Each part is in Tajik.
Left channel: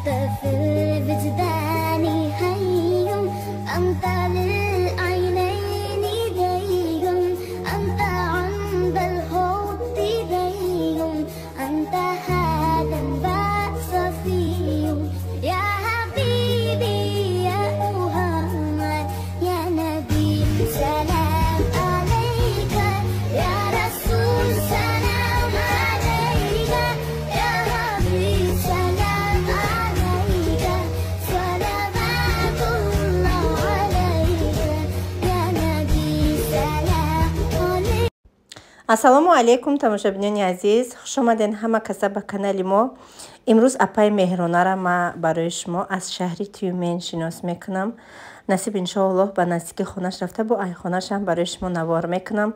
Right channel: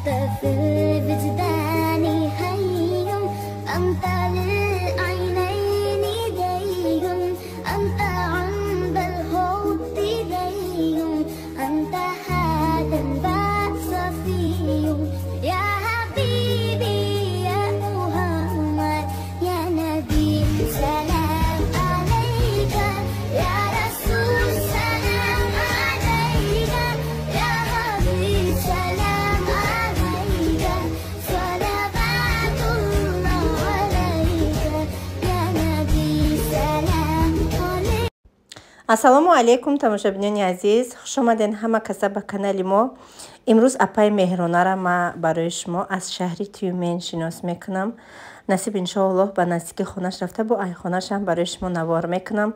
أنت في وجداني حي أنت للعينين دي أنت عند الحب دي أنت هذا صفي يا حبيبي يا محمد يا نبي سلام عليك يا رسول سلام عليك يا حبيب سلام عليك صلوات الله عليك يا نبي سلام عليك. ассалому алейкум тамошобинони азиз, хуш омаден ҳама каса ба канали мо. имрӯз апаи меҳронара ма барои шумо аз шаҳри Тюмен шинос мекунам. насиб иншоаллоҳ ба наздики хонаш рафта бо айхонашам барои шумо навор мекунам.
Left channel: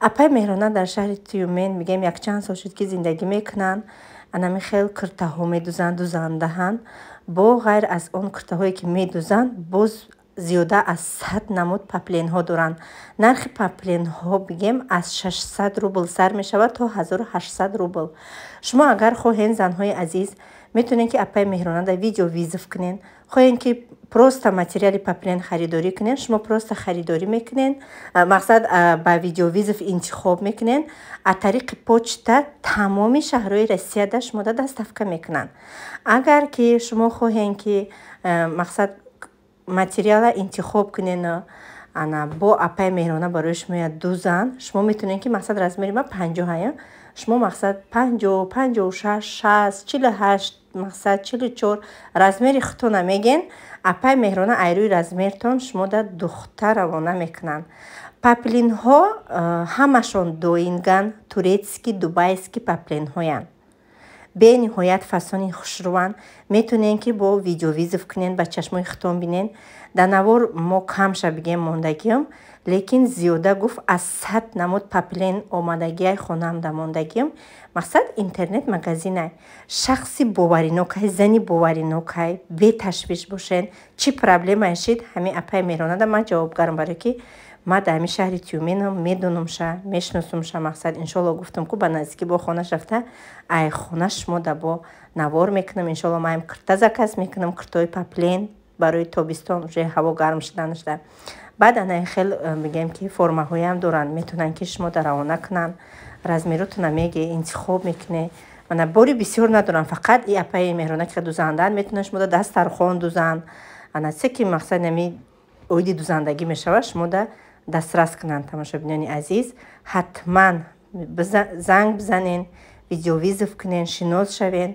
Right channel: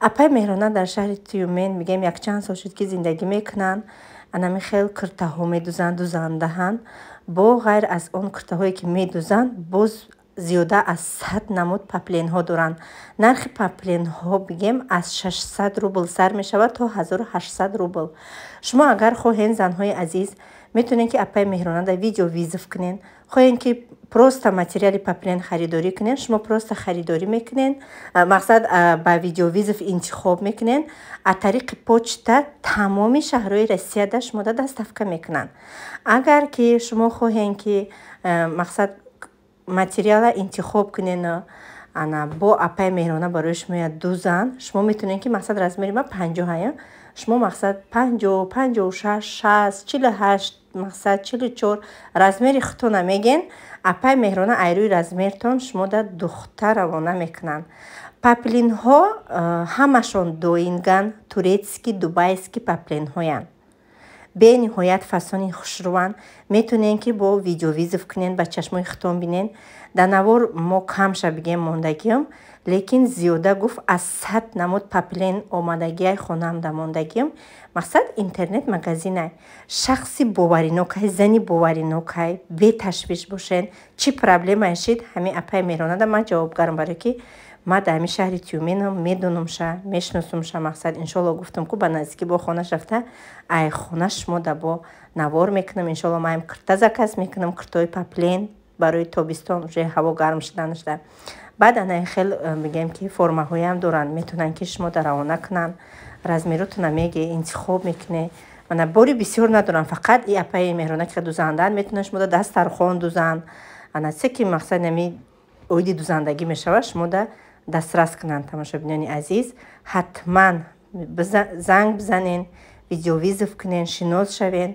апаи меҳрона дар шаҳри Тюмен мегем якчанд сол шуд ки зиндагӣ мекунанд. анами хел киртаҳо медӯзанд, дӯзандаҳанд. бо ғайр аз он киртаҳое ки медӯзанд, боз зиёда аз 100 намуд папленҳо доранд. нархи папленҳо бигем аз 600 рубл сар мешавад то 1800 рубл. шумо агар хоҳен, занҳои азиз, метавонед ки апаи меҳрона да видео визов кунен. хоҳен ки просто материали паплен харидорӣ кунен, шумо просто харидорӣ мекунен, мақсад ба видео визов интихоб мекунен. аз тариқи почта тамоми шаҳрҳои Россияда шумо да доставка мекунанд. агар ки шумо хоҳен ки мақсад материала интихоб кунен ана бо апаи меҳрона барои шумо дӯзан, шумо метавонед ки мақсад размери ма 50 шумо мақсад 50, 56, 60, 48, мақсад 44 размери худтона меген. апаи меҳрона айрӯи размертон шумо да духта равона мекунанд. паплинҳо ҳамашон доинган турецки, дубайски паплинҳоянд. бениҳоят фасони хушруванд. метавонед ки бо видео визов кунен, ба чашмои худтон бинен. дар навор мо камша бигем мондагиам, лекин зиёда гуфт аз 100 намуд паплен омадагиай хонам да мондагиам. мақсад интернет магазинай. шахси боваринокай, зани боваринокай, беташвиш бошен. чӣ проблемае шид, ҳамин апаи меҳрона да ман ҷавобгарам, барои ки ма дар ҳамин шаҳри Тюменам медонумша, мешносумша. мақсад иншоаллоҳ гуфтам ки ба наздики бо хонаш рафта ай хона шумо да бо навор мекунам. иншоаллоҳ маем кирта заказ мекунам, киртои паплен барои тобистон, уже ҳаво гарм шуда нашда. баъд анаи хел мегем ки формаҳоям доранд, метавонанд ки шумо да равона кунанд. размеротона меге интихоб мекуне. мана бори бисёр надорам, фақат и апаи меҳрона ки дӯзанданд метавонанд шумо да дастархон дӯзанд. ана се ки мақсад нами оиди дӯзандагӣ мешавад, шумо да дастрас кунанд. тамошобинони азиз, ҳатман занг бизанен, видеовизов кунен, шинос шавен.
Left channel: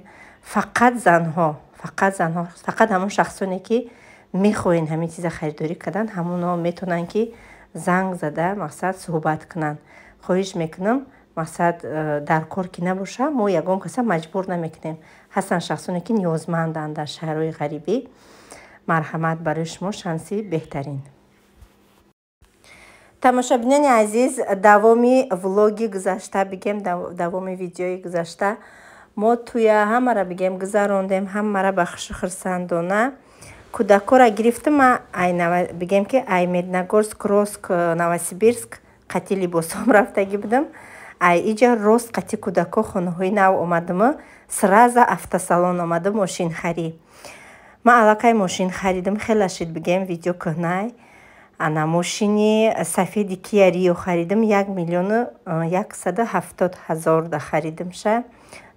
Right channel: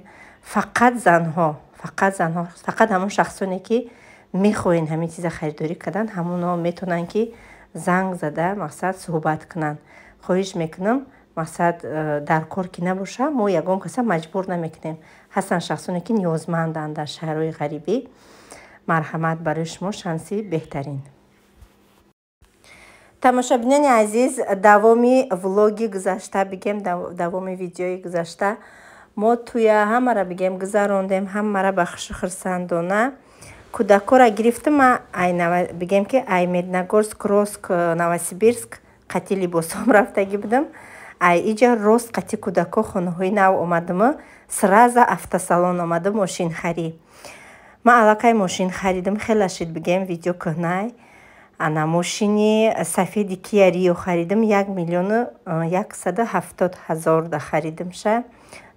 фақат занҳо, фақат ҳамон шахсоне ки мехоҳен ҳамин чиза харидорӣ кардан, ҳамоно метавонанд ки занг зада мақсад суҳбат кунанд. хоҳиш мекунам мақсад дар кор ки набоша, мо ягон каса маҷбур намекунем. ҳастанд шахсоне ки ниёзманданд дар шаҳрҳои ғарибӣ. марҳамат барои шумо, шанси беҳтарин. тамошобинони азиз, давоми влоги гузашта бигем, давоми видеои гузашта мо туя ҳамара бигем гузарондем, ҳамара ба хушу хурсандона. кӯдакора гирифтам, бигем ки ай Медногорск, Кроск, Новосибирск қати либосом рафтагӣ будам. ай иҷа рост қати кӯдако хонаҳои нав омадам, сраза автосалон омадам мошинхарӣ. ман аллакай мошин харидам, хела шид бигем видео кӯҳнай. ана мошини сафеди Kia Rio харидам, 1,170,000 да харидамша.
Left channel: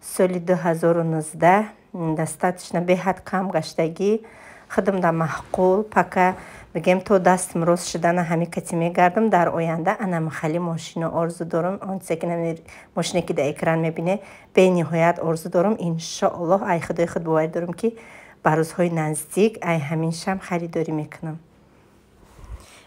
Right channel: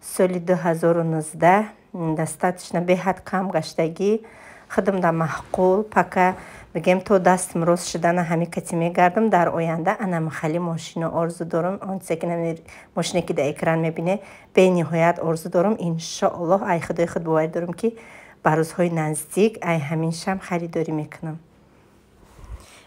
соли 2019 достаточно беҳад кам гаштагӣ, худам да маҳқул, пака бигем то дастам рост шудана ҳамин кати мегардам. дар оянда ана махали мошино орзу дорам, ончизе ки мошине ки дар экран мебине бениҳоят орзу дорам. иншоаллоҳ ай худои худ боварӣ дорам ки ба рӯзҳои наздик ай ҳаминшам харидорӣ мекунам.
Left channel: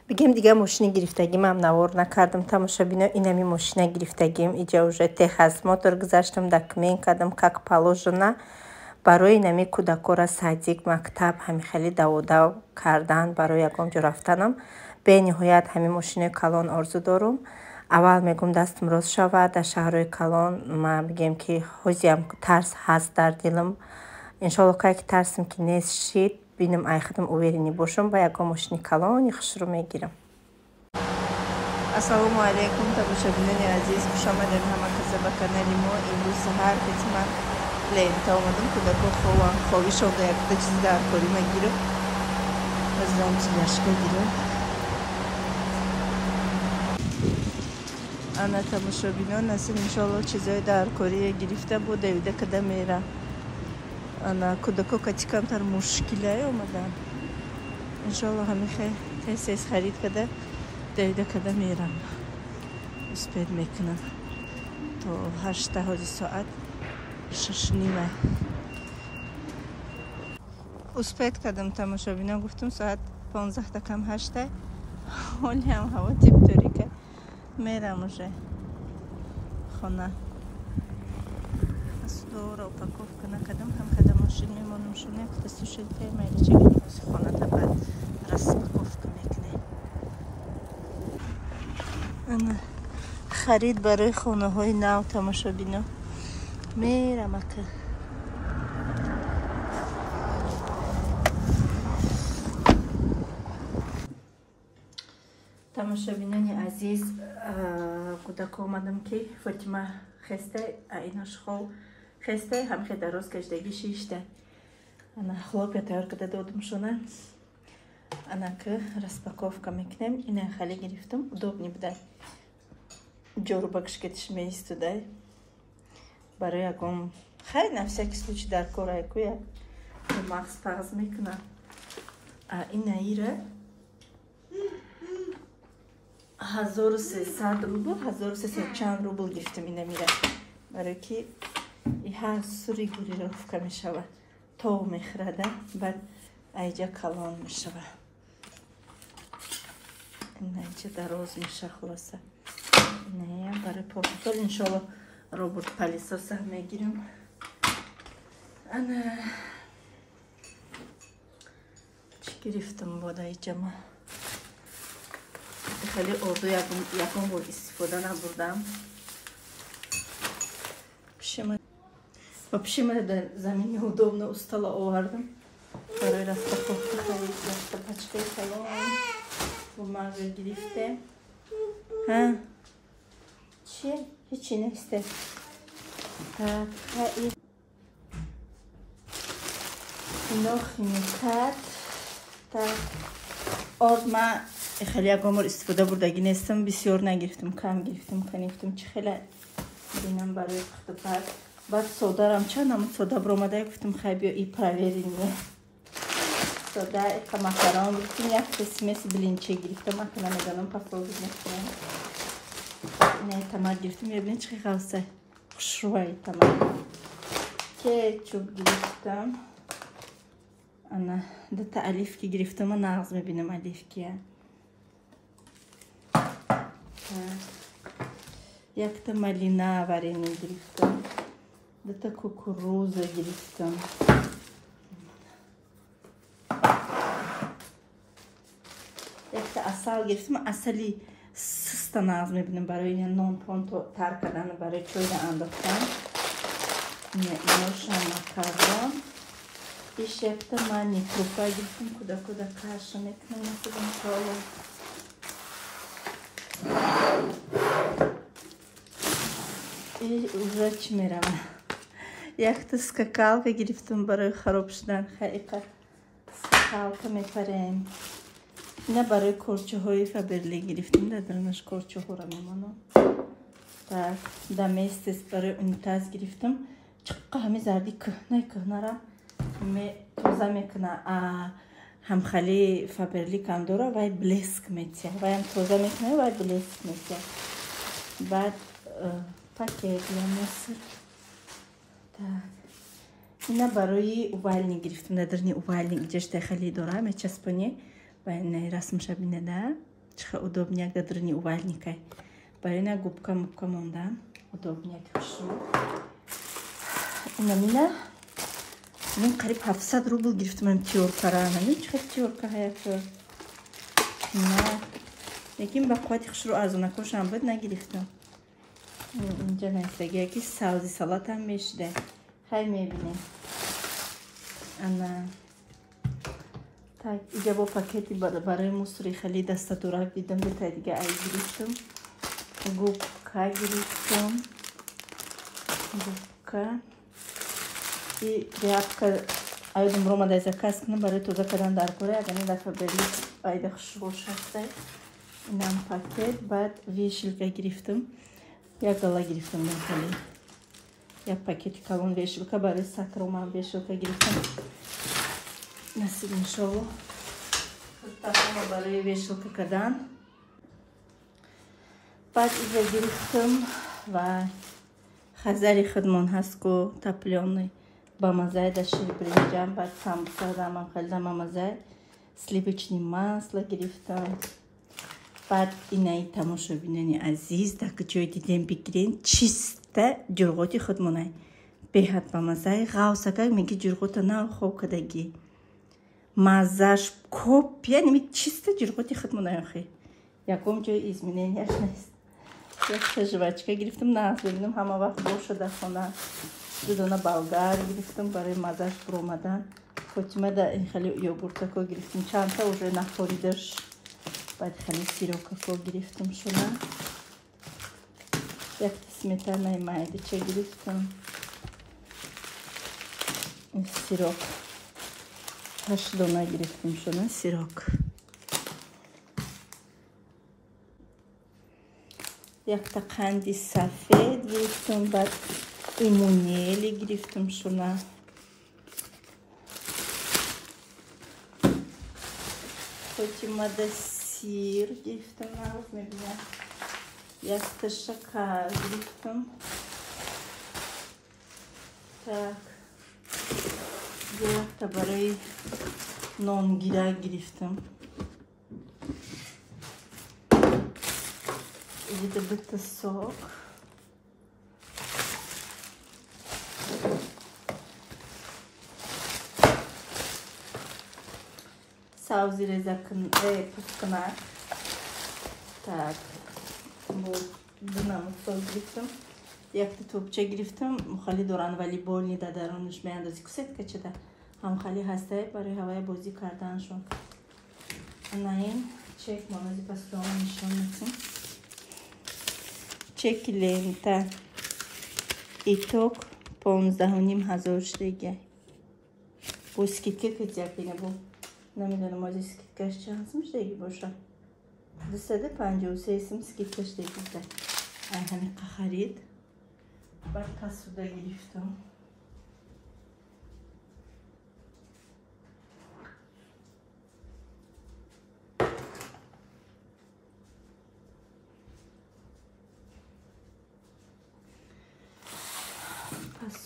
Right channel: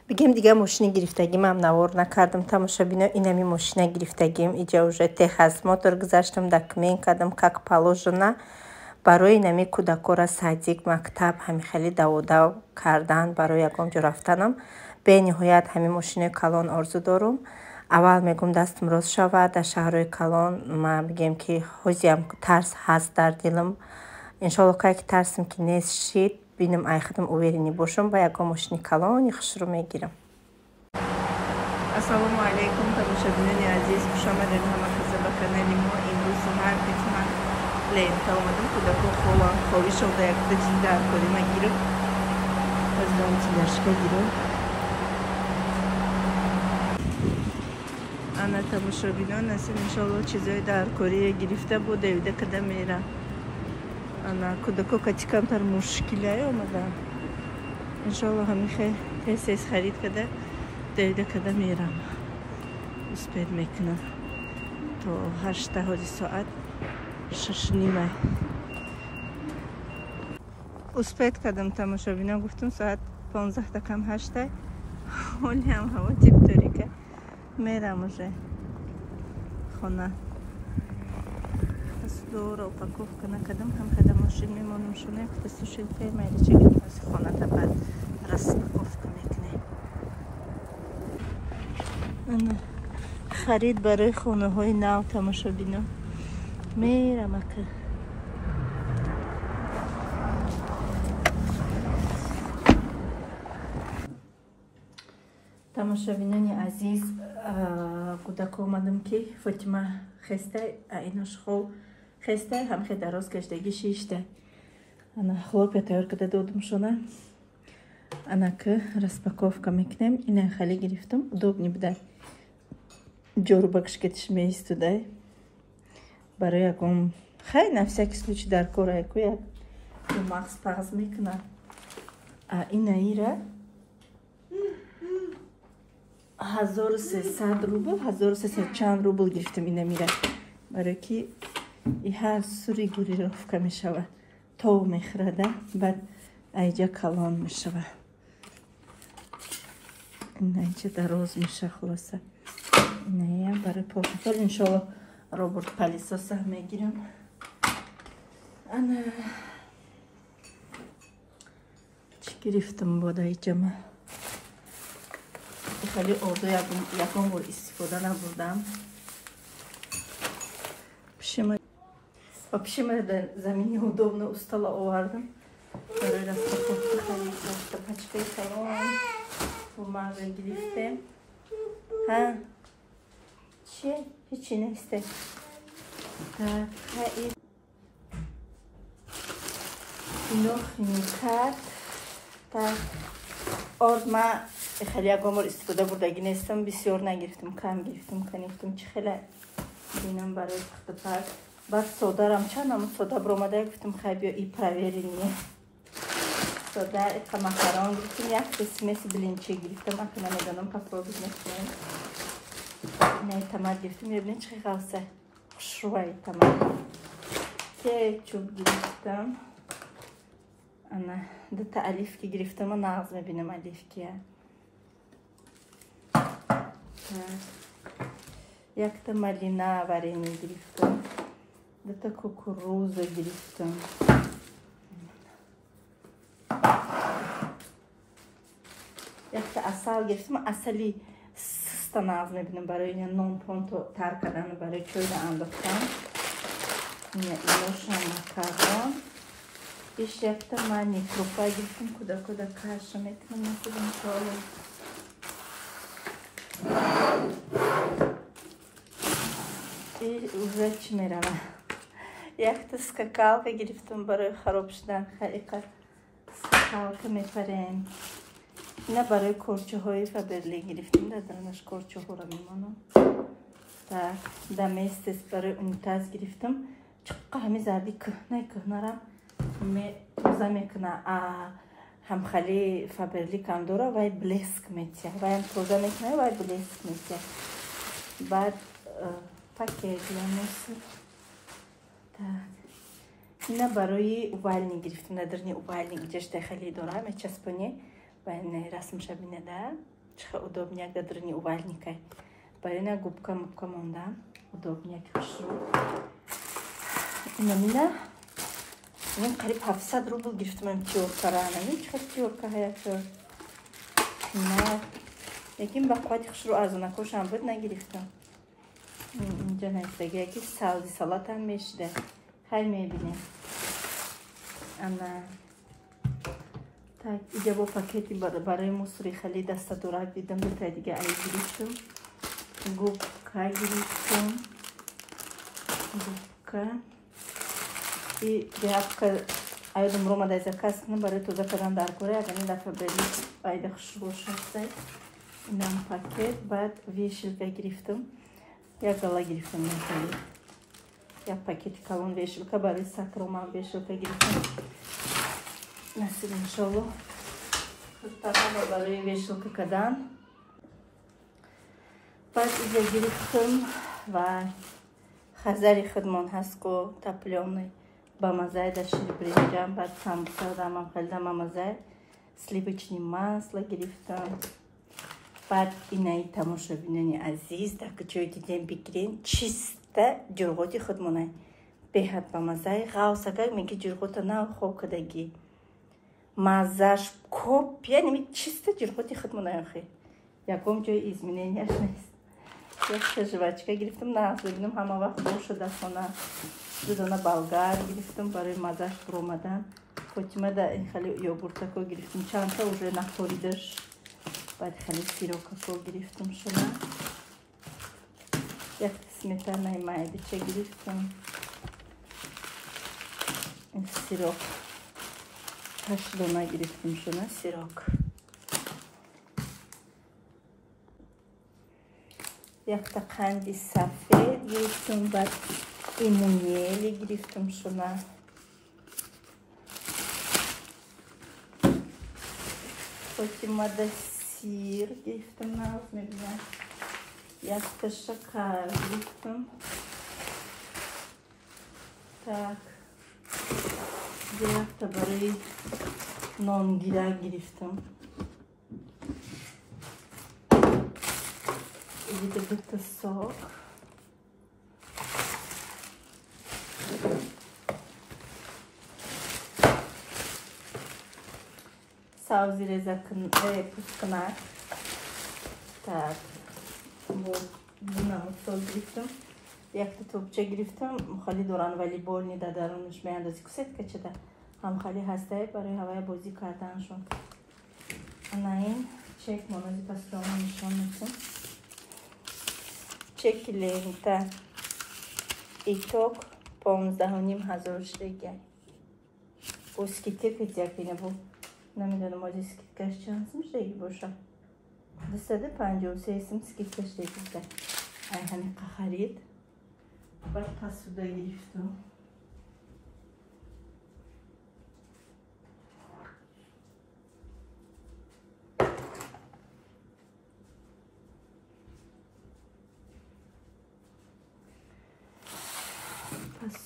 бигем дигар мошини гирифтагимам навор накардам. тамошобино, инами мошина гирифтагим иҷа уже техосмотр гузаштам, документ кардам, как положено. барои инами кӯдакора садик, мактаб ҳамихели даводав кардан, барои ягон ҷо рафтанам. бениҳоят ҳамин мошинаи калон орзу дорам. аввал мегум дастам рост шавад дар шаҳрҳои калон. ма бигем ки ҳозиам тарс ҳаст дар дилам. иншоаллоҳ кай ки тарсам ки нест шид, бинам ай худам уверенӣ бошам, ба ягон мошини калони хушрӯ мегирам. ассалому алейкум тамошобинони азиз, хушомадед ҳама каса ба канали мо. имрӯз саҳар кати ман لینتا اومدم کودک خوام خوابی شده یکتا چیز در کاری ما گیرم از دام چیزشکه گیرم انا تماشابینان نسیم انشالله چیزای در کاری گرفته بود دویده کده میره انا کودکو کچی کمتر مشکله اومدن انشالله همیشه تیز خرید کده دویده کده میرم اسپید میکنم تا 8 ساعت 6 نیمه اسپید کدم تماشابینا گفتم ساعت 15 کم 8 حالی هم هوا تیپ داری که میرم уже خونه از دور اپاکوف کنه کدم هم کدم ماشین میمونم شونه که سوشل پی میری چگیم از خونه تا بعد رسپاکوف میکنه خرید برای خونه های نو تماشابینا میرم اکه تماشابینان عزیز کودک اومدم که فاطمه خسته ایناش خوب خسته همخه دراز کشتگی شیشته انا خلوب تیار کده دودم شونه انا که رسپاکوفکا میکنم اینه خالی گرفتم удобнее буде جورو бакш кетиш меистудай барои ягон хай на всякий случай дар кораку як мағз пағз мекунам ина ира 1300 рубл 1300 чанд рубл гирифтам ина мира барои ки и ҳар сури гурировка мешавад тов мехӯрада баъд айҷа калон мешавад ина инҷа дароз меша хулоса не برای پروتکل انشالله روبوت پلیسوس هم میگیرم انا چی گرفتم بادای جمع خیلی اردو یکم بود استفاده نبودم پیشم در زمین удобно استالا آوردم برای رسپاکوفکا خیلی پچکای خیلی بوماغ گرفتم ها چیه؟ هیچی نیسته نخ میکرد آرد من خیلی یکمور استفاده بردگی نیستم بسیار نگرفتم کم گرفتم خنیفتم چه خیلی بینم برای پخت پر بعد سودا رم چند هم سودا برامده گفتم خیلی بیا ای پرویرینیه سودا ایک مکران گفتم یک قسمت بلینچه گرفتم اکنه میدانم پاکو بگیرم نه تمام گرفتم ببینید چه خاصه خوشرویی تمام کیک چوب گرفتم انا دو تا الیف که گرفتم و نغز میبینم الیف کیه یک تا مالینا ورینی گرفتم دو تا کوکوروز گرفتم یک تا اصل گرفتم اصلی سستا نغز میبینم برای نون پون تر کردن برای چوی انداختم اینوش نکردم پیش یک تا من نیکروفای گرفتم کدا کارش میکنم نسیدم چای اوزه چی میرم یک تا سکاکالکا گرفتم برای خراب شدن خیلی سکاکالکا میپرین اینا برای کورچه های فابرلی گرفتیم ندارمش کورچه ها رو میمانم دمیستس برای اونتاز گرفتم چقدر همه زردی کهنه را توزه میکنه هم خیلی فابرلی کم داره و بلیسک میتیه و هم توزه میکنه و بلیسک میتیه بعد پاکت مصر اینا برای اوالنی گرفتم ندارنی اوالنی اینجاش داخلی داره میچسبونی و این رسم شبینه ده چخه удобнее دادرنی اوالنی که برای اینا گوبکا موندم удобнее که خوشو اینا میره من قریب 700 روبل گرفتم من تیورکا را نمید چخه تیورکا های تیور یکیم با قویتی خوش رو ارزونه خوشم بود نگرفتم اینجا نیست بگه یکی سالزی سالات هم میشده خیلی میبینه اما اینجا با پاکتی برای مصری خیلی دسته دورک دیدم دوتا دیگه ای گرفتم گوبکا گرفتم گوبکا bir hafta aydım Roma'daysa kaskını böyle tuza kadar dar koyar. Yani defa böyle ayda şul şaştay. İnan paket. Bad vişilka giriftim. Ya gala giriftim mesela. Ya paket kalın vişilka böyle sakroma vişilka giriftim. Nasıl inşallah. Tamam böyle vişilka kadar. Bad ize giriftim. Vay. Хазари хидмон ҳаст ку таплёни ба маззаи дашир бринҷам баъд самбуса дамам хеле дама маззаи сливични масла гирифтам баъд инаи тамошобинони азиз дар куҷои дидем бигирен чиста ҷурғоти хидмонай беҳад ба маззаи ғавсака меги ҷурғота на хоб кадагӣ маззаш коп яъне ми чиста ҷурғоти хидмонай охи ягон ҷои изменияш нест Я жвачка гирифтам, нафлигдам, ҳама вақт боша дар хона. Дудона болгар гирифтам барои маззаш буромадан. Фотима да хеле йогуртако гирифтам. Чандта уже нахоридаш. Баъд хеле сирокако гирифтам шуна. Як сметанаи майдача гирифтам. Сирок. 8 дона гирифтам шуна сирок. Yakta qandi safed giriftim bad imuniyeli giriftim şuna. Koçimada sir giriftim nazmediler. Yakta şakar giriftim. Tak. Yakta barayı non gira giriftim. A little bit of salt. Savzi rezakın putkana. Tak. Buna mutfak giriftim. Yakta topça giriftim. Mukhali doran vali bolni da daronش میاندازی کسیت که چه ده هم خالی هسته برای هوای بازی کردنشون. این چک مانازی پس دارم نشان میتیم. Çekilenta itok 15,500 ştege. Bu skitlik yapıyla bu. Namidanım o skitkaş çansım ştege boşa. Dışarıda 53 skitkaş ştege. Ayhanı kaharit. Bak tasuda giriftim.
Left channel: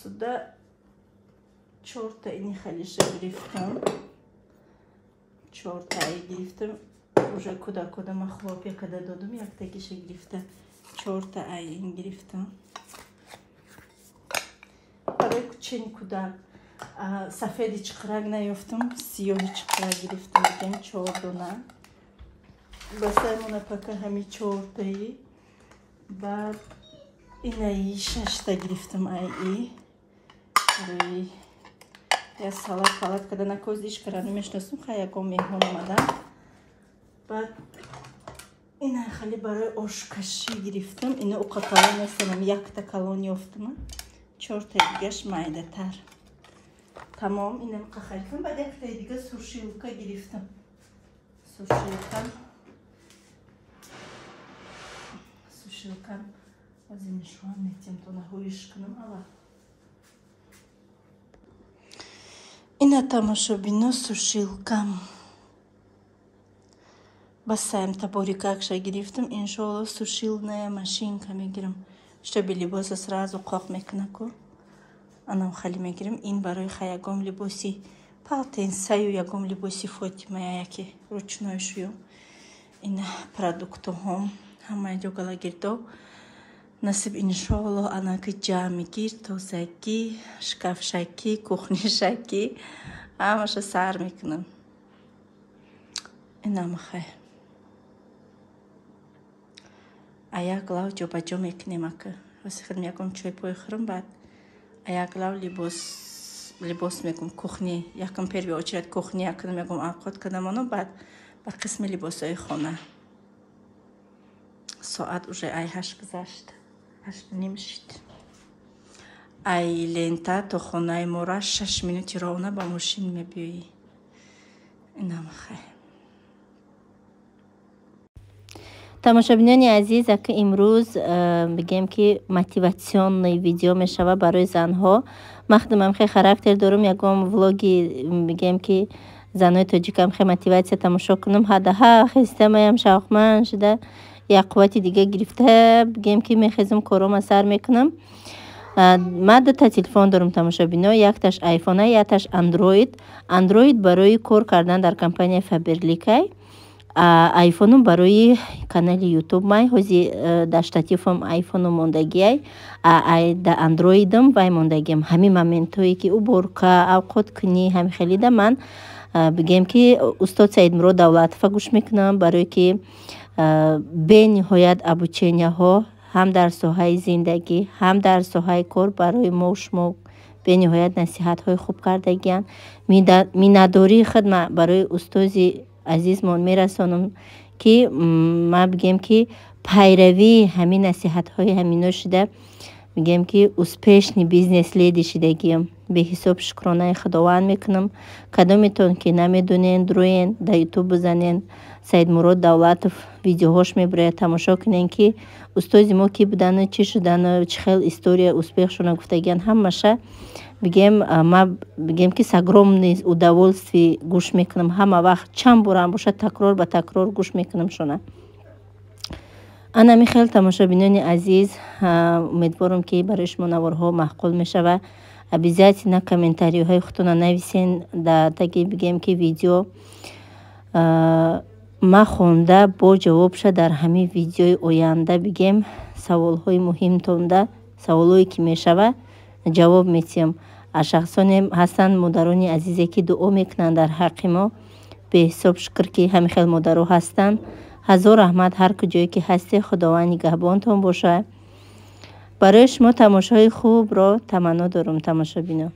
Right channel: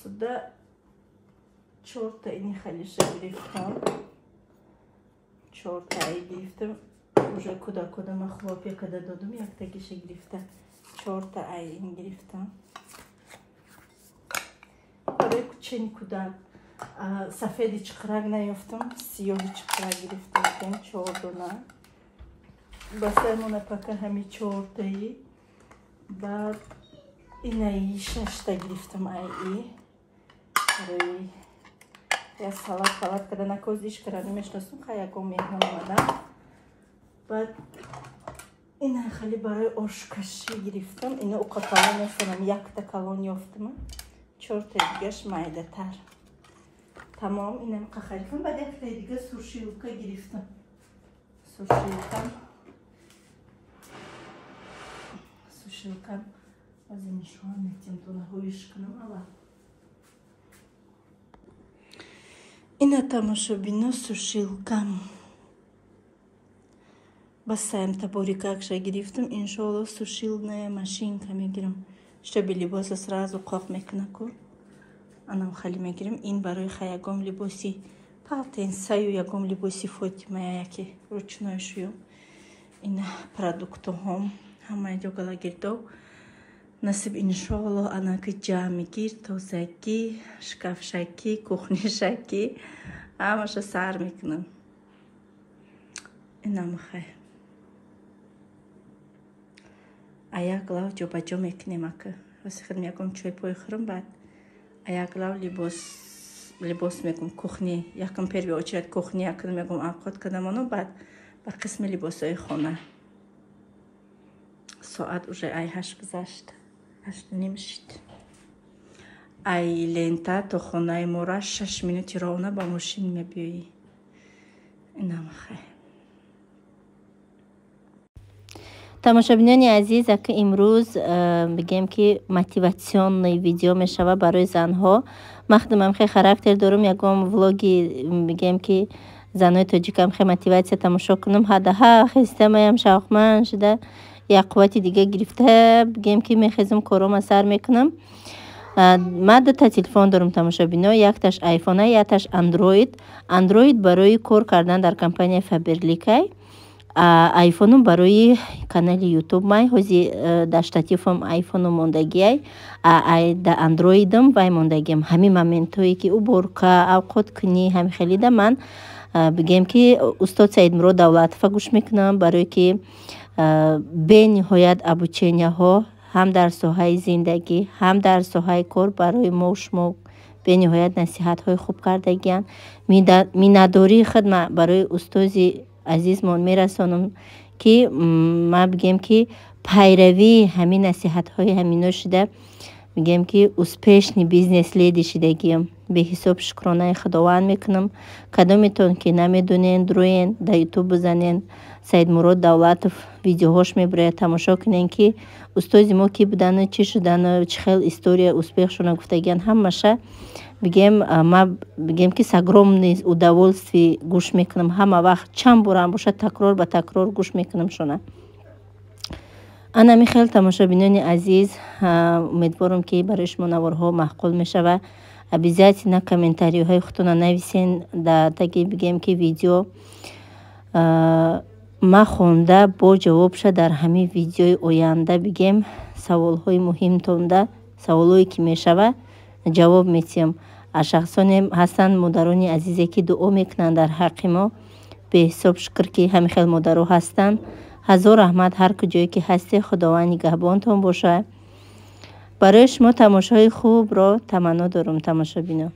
Suda çortayını halişe giriftim. Çortayı giriftim. Уже куда махлопия когда додум як такише giriftim. Çortayını giriftim. Böyle çeni kuda safedi çıkırak ne yaptım? Siyohi çıkırak giriftim. Ben çorduna. Basar ona paka hemi çortayı. Bak İlahi şaşta giriftim ay. Я салат когда на коз диш кара намешнасум хаяко меҳмон омадам баъд ина хали барои ошкашӣ гирифтам ина уқа калон ястанам якта калон ёфтам 4 та дигаш майдатар тамом ина уқа харидам баъд якта дига сушилка гирифтам сушилкам аз иншон метем то наҳоиш кунам аввал Ина тамошобино сушилкам. Басаем таборикакша гирифтам. Иншаллах сушилная машинка мегирам. Чтобы либоса сразу қоқ мекунаку. Анам хали мегирам. Ин барои хаягом либоси палтенсаю ягом либоси Фотимая яки ручной шуюм. Ина продуктохом. Ҳамаи ҷогала гирдов. Насиб иншаллоҳ анаки ҷамъгир тозагӣ шкафшакӣ кухнишакӣ ҳамаша сар мекунам инам хай аяк лав ҷобаҷо мекунем ака васе хидм ягон чой пой хӯрам баъд аяк лав либос мекунам кухни якам перви очирад кухни якунам ягон авқот кардам оно баъд ба қисми либосҳои хона соат уже ай 8 гузашт 8:30 шид ай лента то хонаи мора 6 минути равна ба мошин мебиёӣ. инам хай. тамошобинони азиз, ака имрӯз бигем ки мотиватсионный видео мешава барои занҳо. махдумам хе характер дорум ягон влоги бигем ки занои тоҷикам хе мотиватсия тамошо кунам. ҳадаҳа хистамаям шавқманд шуда як қуввати дига гирифта бигем ки мехезам корома сар мекунам. ман дута телефон дорум тамошобино, якташ айфон, якташ андроид. андроид барои кор кардан дар компания Faberlic, айфонум барои канали ютуб май ҳози да штатифам айфону мондагиай, да андроидам вай мондагиам. ҳами моментҳое ки уборка авқот кунӣ ҳами хелида ман бигем ки устод Саидмурод Давлатова гӯш мекунам, барое ки бениҳоят обученияҳо ҳам дар соҳаи зиндагӣ ҳам дар соҳаи кор барои мо шумо бениҳоят насиҳатҳои хуб кардагиянд. миннатдории хидма барои устози азизмон мерасонам ки ман бигем ки пайравии ҳамин насиҳатҳои ҳамино шуда бигем ки успешни бизнес леди шудагиям. беҳисоб шукронаи худованд мекунам. кадометон ки намедонен дуроен да ютуб бизанен, Саидмурод Давлатов видеоҳош мебарояд, тамошо кунен ки устози мо ки будану чӣ шудану чӣ хел история успехшона гуфтагиянд. ҳамаша бигем ки с огромным удовольствием гӯш мекунам. ҳама вақт чанд борам бошад такрор ба такрор гӯш мекунам шуна. анами хел тамошобинони азиз, умедворам ки барои шумо наворҳо маъқул мешава. обязательно комментариҳои худтона нависен да таги бигем ки видео ма хонда бо ҷавоб шуд дар ҳамин видеои оянда бигем саволҳои муҳимтонда, саволҳое ки мешава ҷавоб метиҳам. шахсоне ҳастанд модарони азизе ки дуо мекунанд дар ҳаққи мо. беҳисоб шукр ки ҳамин хел модаро ҳастанд. ҳазор раҳмат ҳар куҷое ки ҳасте. худованд нигаҳбонтон бошад. барои шумо тамошои хубро таманно дорум тамошобино.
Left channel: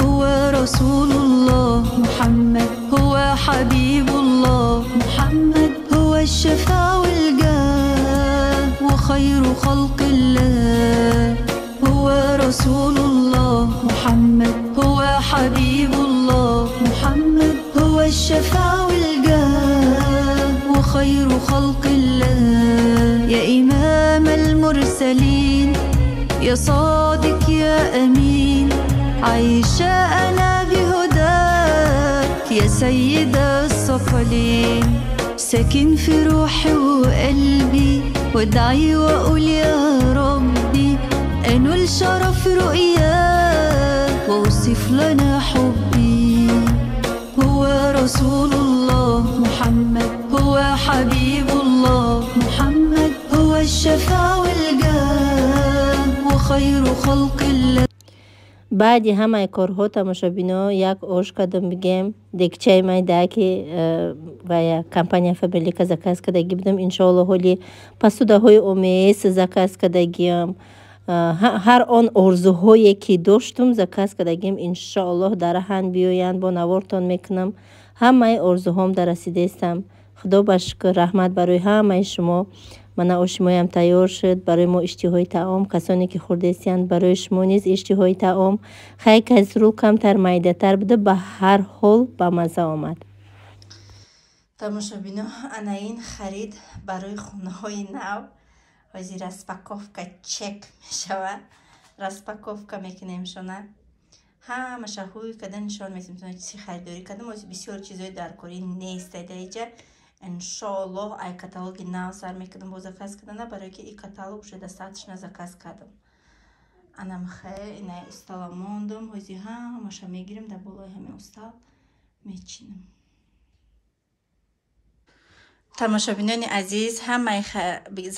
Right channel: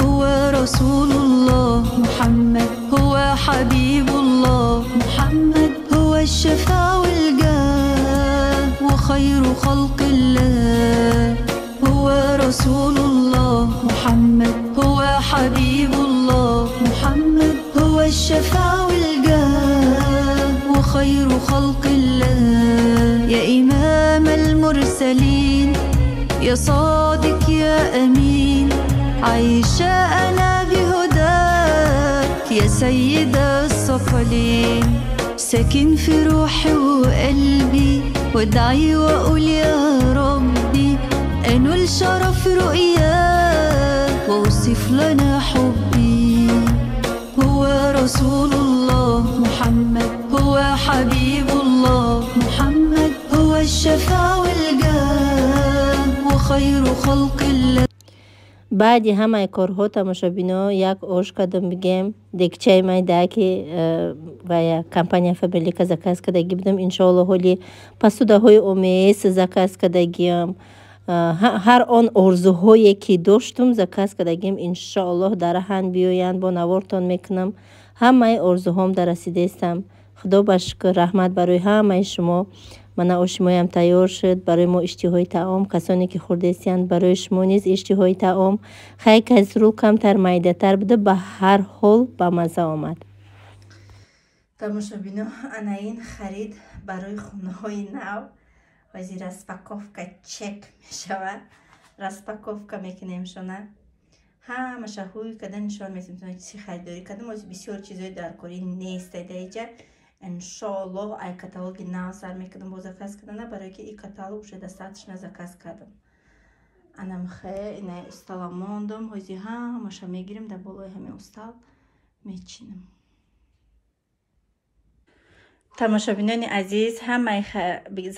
هو رسول الله محمد، هو حبيب الله محمد، هو الشفاء والجاه وخير خلق الله. هو رسول الله محمد، هو حبيب الله محمد، هو الشفاء والجاه وخير خلق الله. يا إمام المرسلين، يا صادق يا أمين، عايشة أنا بهداك يا سيد الثقلين. ساكن في روحي وقلبي، وادعي وأقول يا ربي أنول شرف رؤياك وأوصف لنا حبي. هو رسول الله محمد، هو حبيب الله محمد، هو الشفاء والجاه وخير خلق الله. баъди ҳамаи корҳо тамошобино як ош кардам бигем декчаи майда ки вая компания Faberlic заказ кардаги будам. иншоалло ҳоли посудаҳои омес заказ кардагиам. ҳар он орзуҳое ки доштум заказ кардагим иншоалло дар раҳан биёянд. бо навортон мекунам. ҳамаи орзуҳом дар расидаистам. худо ба шукр, раҳмат барои ҳамаи шумо. мана оши моям тайёр шуд. барои мо иштиҳои таом, касоне ки хӯрдестиянд барои шумо низ иштиҳои таом хай казру камтар майдатар буда, ба ҳар ҳол ба маза омад. тамошобино, ана ин харид барои хонаҳои нав. ҳозир распаковка чек мешава. распаковка мекунем шуна. ҳамаша ҳуй када нишон метим чӣ харидорӣ кардам. ҳозир бисёр чизҳои даркорӣ нест даиҷа. иншоалло ай каталоги нав сар мекардам бо заказ кардана, барое ки и каталог уже достаточно заказ кардам. анам хе инай устала мондам. ҳозир ҳамаша мегирем дар болои ҳамин устал мечинам. тамошобинони азиз, ҳамаи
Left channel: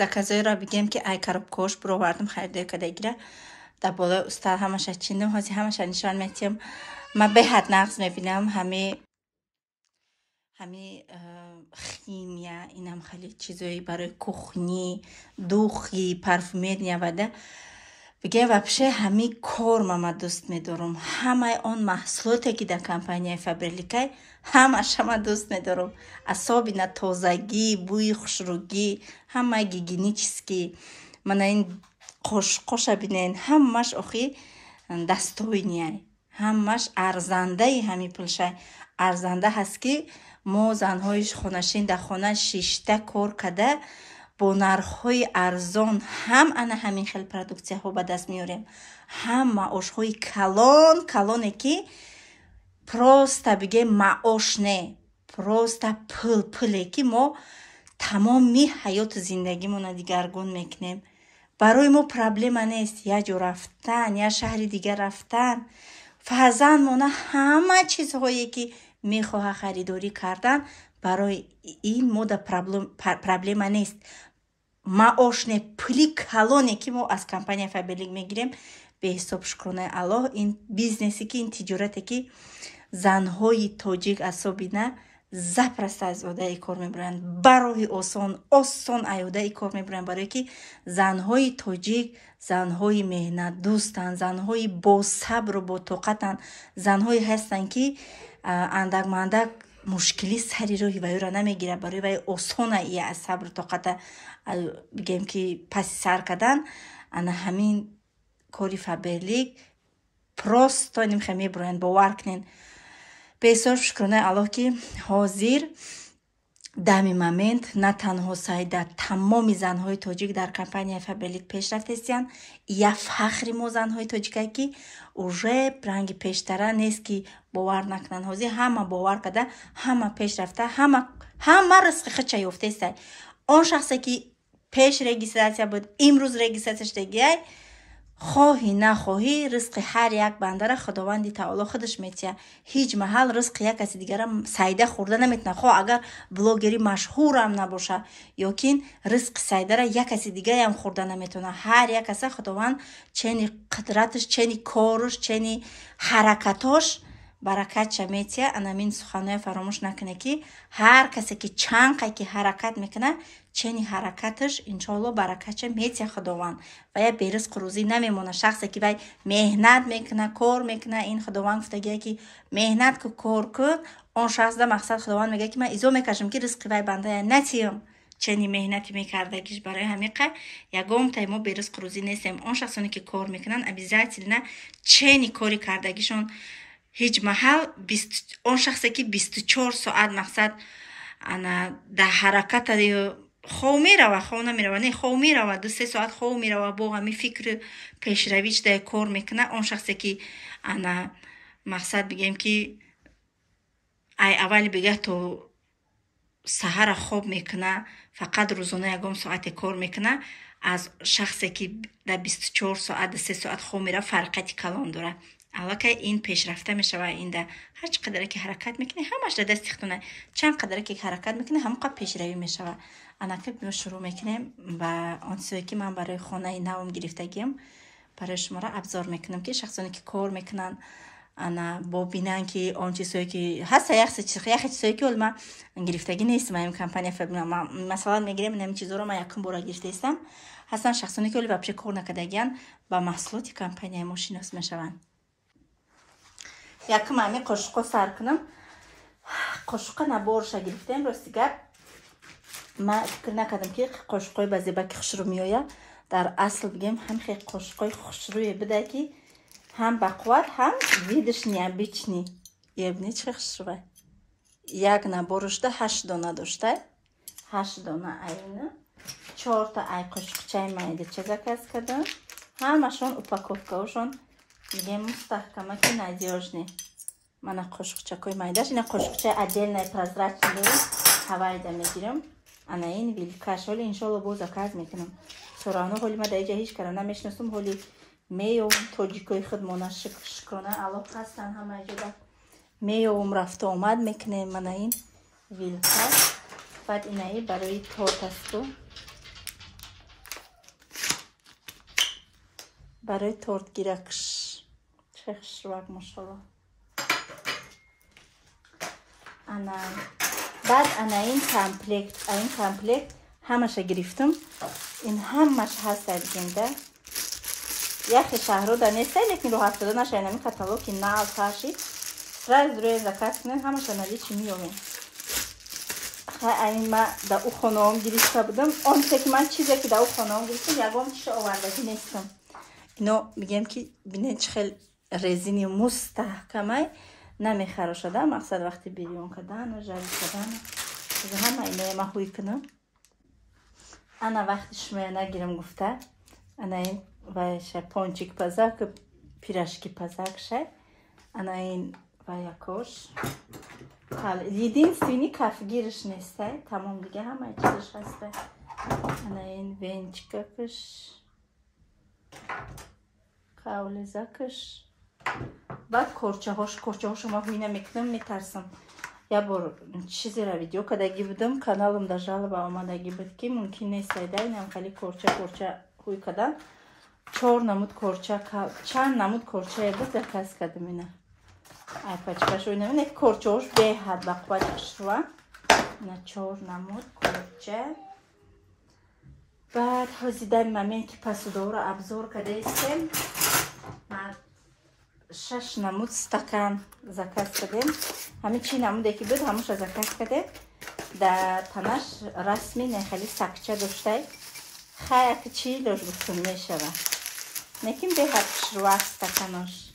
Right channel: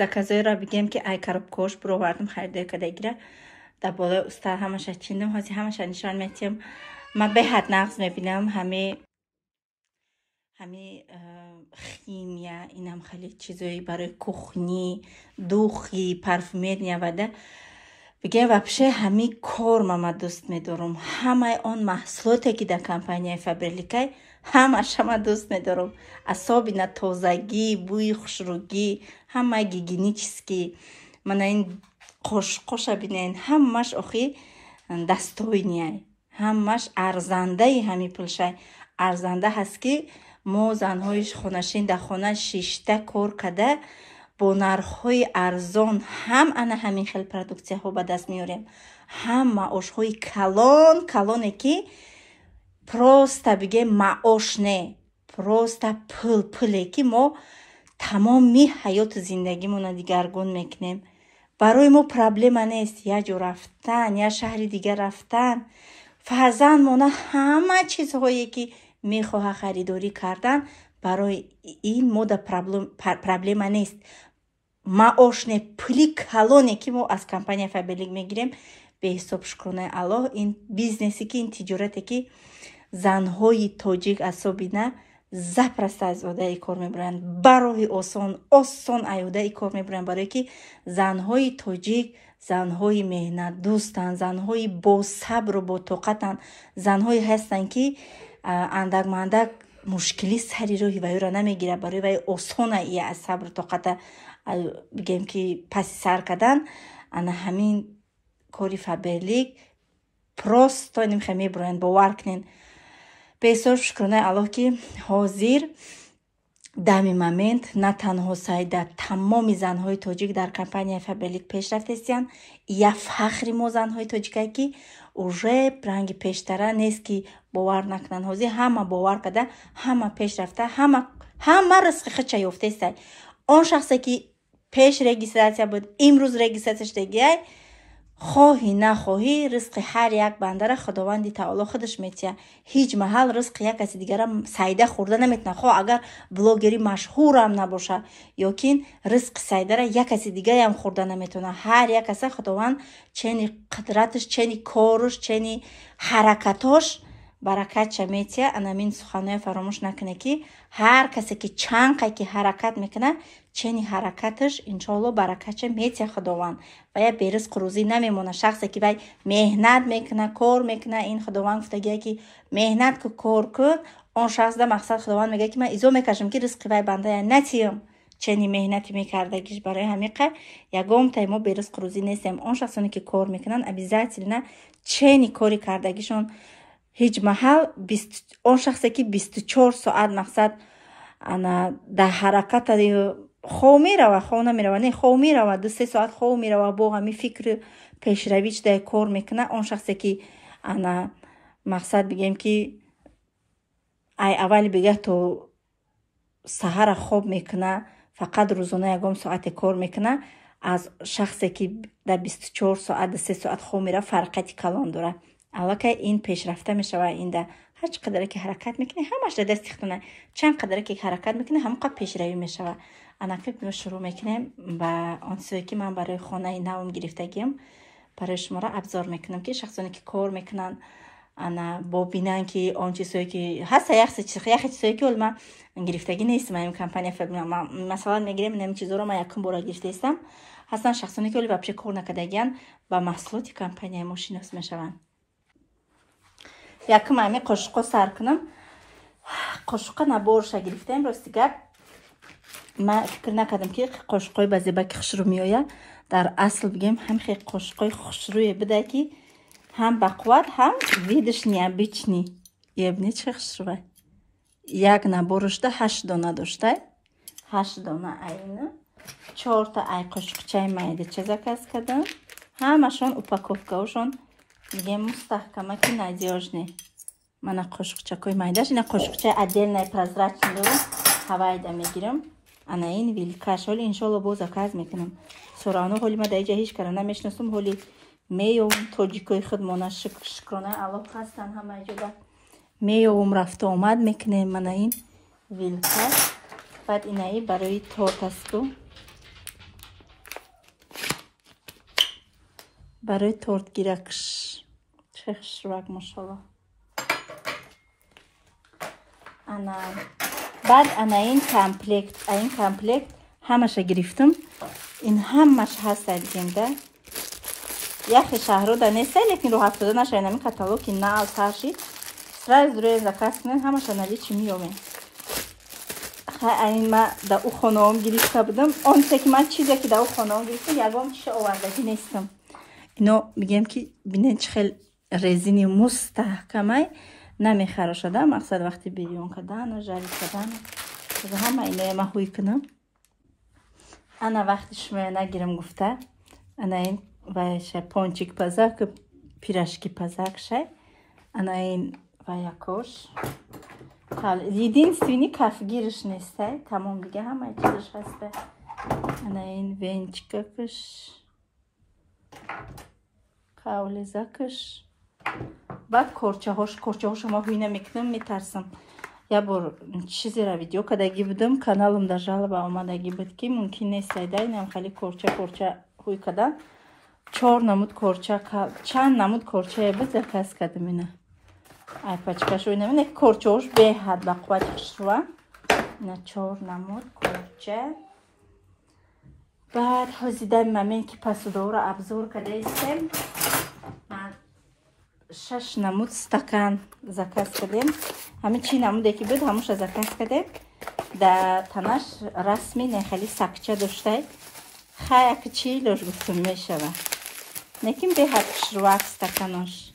заказҳоеро бигем ки ай коробкаҳош бировардам харидорӣ кардагира дар болои устал ҳамаша чиндам. ҳозир ҳамаша нишон метиҳам. ман беҳад нағз мебинам ҳами химия, инам хеле чизои барои кухни, духи, парфюмерия вада. бигем вообще ҳами кор мама дӯст медорам. ҳамаи он маҳсулоте ки дар компанияи Faberlic ҳамаша ма дӯст медорам. асобина тозагӣ, бӯи хушрӯгӣ, ҳамаи гигиенически. мана ин қоша бинен, ҳамаш охи дастойния ҳамаш арзандаи ҳами пулшай арзанда ҳаст ки мо занҳои хонашин дар хона шишта кор када бо нархҳои арзон ҳам ана ҳамин хел продуксияҳо ба даст меорем ҳам маошҳои калоне ки просто бигем маош не просто пуле ки мо тамоми ҳаёти зиндагимона дигаргун мекунем барои мо проблема нест я ҷо рафтан я шаҳри дигар рафтан фарзандмона ҳама чизҳое ки мехоҳа харидорӣ кардан барои ин мода проблема нест маошне пули калоне ки мо аз компания Faberlic мегирем беҳисоб шукронаи Аллоҳ ин бизнесе ки ин тиҷорате ки занҳои тоҷик асобина запросто аз одаи кор мебаранд ба роҳи осон аёдаи кор мебаранд барое ки занҳои тоҷик занҳои меҳнатдӯстанд занҳои босабру ботоқатанд занҳое ҳастанд ки андак мушкилӣ сари роҳи вайро намегирад барои вай осона ия аз сабру тоқата бигем ки паси сар кардан ана ҳамин кори Faberlic просто нимхе мебароянд бовар кунен беҳисоб шукронаи Аллоҳ ки ҳозир дами момент на танҳо сайда тамоми занҳои тоҷик дар компания Faberlic пешрафт ҳастанд я фахри мо занҳои тоҷикае ки уже ранги пештара нест ки бовар накунанд ҳозир ҳама бовар карда ҳама пешрафта ҳама ризқи хича ёфтаестай он шахсе ки пеш регистратсия буд имрӯз регистратсия шудагиай хоҳӣ нахоҳӣ ризқи ҳар як бандара худованди таоло худаш метия ҳеҷ маҳал ризқи як каси дигара сайда хӯрда наметна хоҳ агар блогери машҳурам набоша ёкин ризқи сайдара як каси дигаram хӯрда наметона ҳар як каса худованд чени қудраташ чени кораш чени ҳаракатош баракатша метия анамин суханое фаромӯш накуне ки ҳар касе ки чанқай ки ҳаракат мекуна чени ҳаракаташ иншоалло баракатша метия худованд ва я беризқу рӯзӣ намемона шахсе ки вай меҳнат мекуна кор мекуна ин худованд гуфтагия ки меҳнат ку кор кун он шахс да мақсад худованд мегӯяд ки ман изо мекашам ки ризқи вай бандая натиям чени меҳнати мекардагиш барои ҳамиқа ягон таймо беризқу рӯзӣ нестем он шахсоне ки кор мекунанд обязательно чени кори кардагишон ҳеҷ маҳал он шахсе ки 24 соат мақсад ана дар ҳаракат хов мерава хов намерава не хов мерава 2-3 соат хов мерава бо ҳами фикри пешравӣ чидаи кор мекуна он шахсе ки ана мақсад бигем ки ай аввали бигӯяд то саҳара хоб мекуна фақат рӯзона ягон соате кор мекуна аз шахсе ки дар 24 соат 2-3 соат хов мерава фарқати калон дорад аллакай ин пешрафта мешава инда ҳар чӣ қадаре ки ҳаракат мекунӣ ҳамаш дар дасти худтона чанд қадаре ки ҳаракат мекунӣ ҳамон қадр пешравӣ мешава анаки мо шурӯъ мекунем ба он чизое ки ман барои хонаи навм гирифтагиам барои шуморо абзор мекунам ки шахсоне ки кор мекунанд ана бо бинанд ки он чизое ки ҳаста яхе чизое ки оли ман гирифтагӣ нестам ин компания масалан мегирем ин чизоро ман якум бора гирифтаистам ҳастанд шахсоне ки оли вообще кор накардагиянд ба маҳсулоти компанияи мо шинос мешаванд якум ами қошуқо сар кунам қошуқа наборша гирифтем рости гап ман фикр накардам ки қошуқои ба зебаки хушрӯ меояд дар асл бигем ҳамихе қошуқои хушрӯе буда ки ҳам ба қувват ҳам видишни обични ебни чӣ хушрӯа як наборушда 8 дона дошта 8 дона айна 4 та ай қошуқчаи майдача заказ кардам ҳамашон упаковкаошон бигем мустаҳкамаки надёжне мана қошуқчакои майдаш ина қошуқчаи отдельной прозрачный дорам ҳавайда мегирам ана ин вилкаш ҳоли иншоалло бо заказ мекунам сорану ҳоли ма дар иҷа ҳеҷ кара намешинасум ҳоли меёвум тоҷикои худмона шукронаи Аллоҳ ҳастанд ҳама ҷода меёвум рафту омад мекунем мана ин вилка баъд инаи барои тортасту барои тортгиракш чехшвак машалло ана баъд ана ин комплект ҳамаша гирифтам ин ҳамаш ҳаст дар зинда яхе шаҳрода неста лекин роҳат шуда наша инами каталоги нав таши сразу рӯи заказ кунем ҳамаша наличи миёбем ин ма дар у хонаом гирифта будам он се ки ман чизе ки дар у хонаом гирифтам ягон чиша овардаги нестам اینو میگم که بینه چه خیلی رزینی مستحکمه نمیخراشده. مقصد وقتی بیرون کردن و جاری کردن و همه اینه ما خوی کنم. انا وقتش نگیرم گفته انا این وایشه پونچیک پزاک پیراشکی پزاک شه. انا این وایکوش единственный کفگیرش نیسته. تمام دیگه همه چیزش هسته. انا این وینچکش قولزکش بعد کرچه هاش ما هوی نمیکنم. میترسم یا بار چیزی را ویدیو کدگی بودم کانالم در جالب آمدگی بود که ممکن نیست ایده نیم خیلی کرچه هوی کدم 4 نمود کرچه چند نمود کرچه بود زکاس کدم اینه ای پچکش روی نمید کرچه هاش به حد با پچکش رو نه 4 نمود کرچه. بعد هزیده ممین که پسوده را ابزار کده ایستیم 6 نمود استکان زکاس کدیم. همه چی نموده که بود هموش زکاس کده. در تنش رسمی نه خیلی سکچه داشته خیلی کچی لوش بکن میشه نکیم به حد شروع استکانش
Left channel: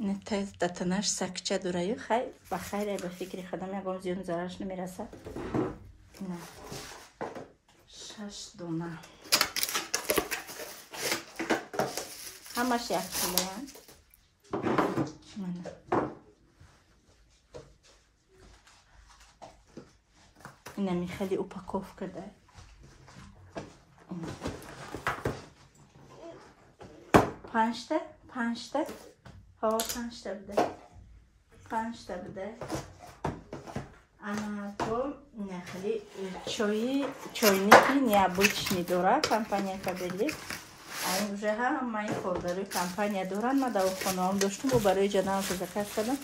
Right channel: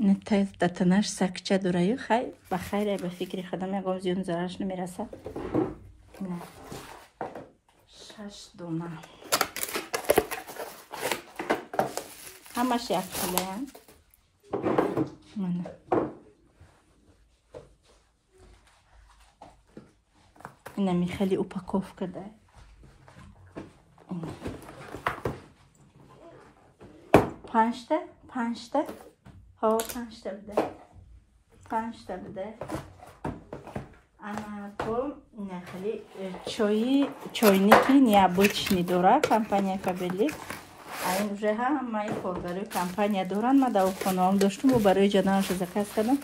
نه تا تنش سکچه داره خیلی بخیره به فکری خودم نگم زیون زرش نمیرسه. 6 دونه همش یک کیلو اینمی خیلی اوپاکوف کرده. پنجته ها 5 تا بوده. اما تو نه خیلی چوینیکی نیابوچنی داره کمپانیا کابلی. این روزه هم ما این کار برای کمپانیا دارن. ما داوت کنم داشتم و برای جدانش زکات کنم.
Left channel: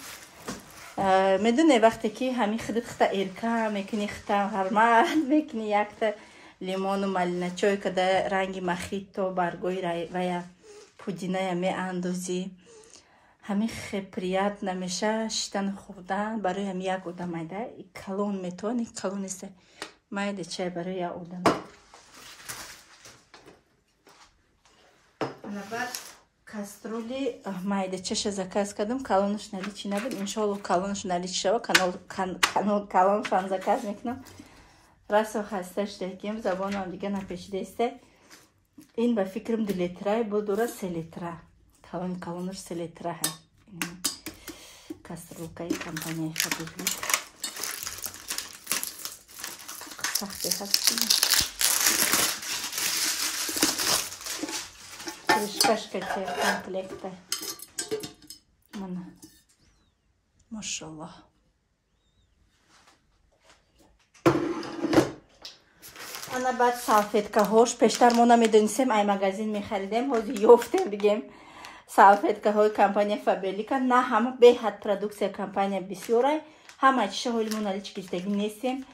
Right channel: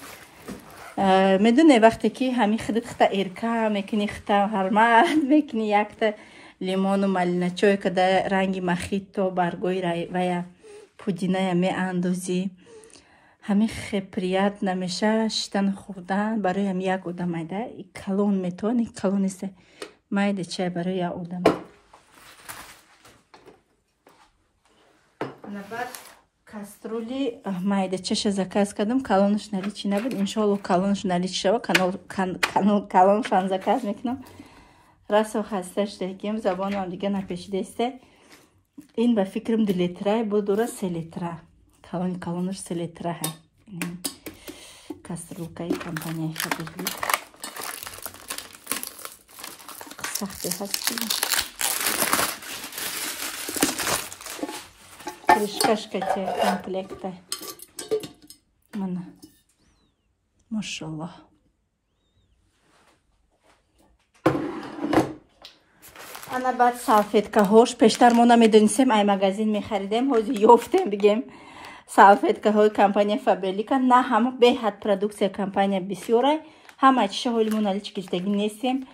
میدونه وقتی که همین خودت خطا ایرکا میکنی خطا هرمال میکنی یک تا لیمون و مالینه چوی که در رنگ مخیتو برگوی و یا پودینه می اندازی همین خپریات نمیشه شتن خوردن برای هم یک اودم ایده کلون میتونی کلون است مایده چه برای یک اودم. بعد کاسترولی مایده چش زکاس کردم کلونش نری چی نبود. انشالله کلونش نری چی شود کلونش هم زکاس میکنم. راست و خستش دهیم زبان هم دیگه نپیشیده است. این به فکرم 2 لیتره بود دوره 3 لیتره کلونش 3 لیتره هم کاسترولکایی کمپانیای خیلی بود سختی هست Крышкашка комплекта. Машаллах. انا بعد سالفетка هاش پیشتر ما نمیدونستیم ای مغازین میخریدیم هازی یافتیم بگیم سالفетка های کمپانی فابریکا نه همه به حد پروداکسیا کمپانی بسیاره همه چیز هول مونالیچ کشیدگی نیستیم.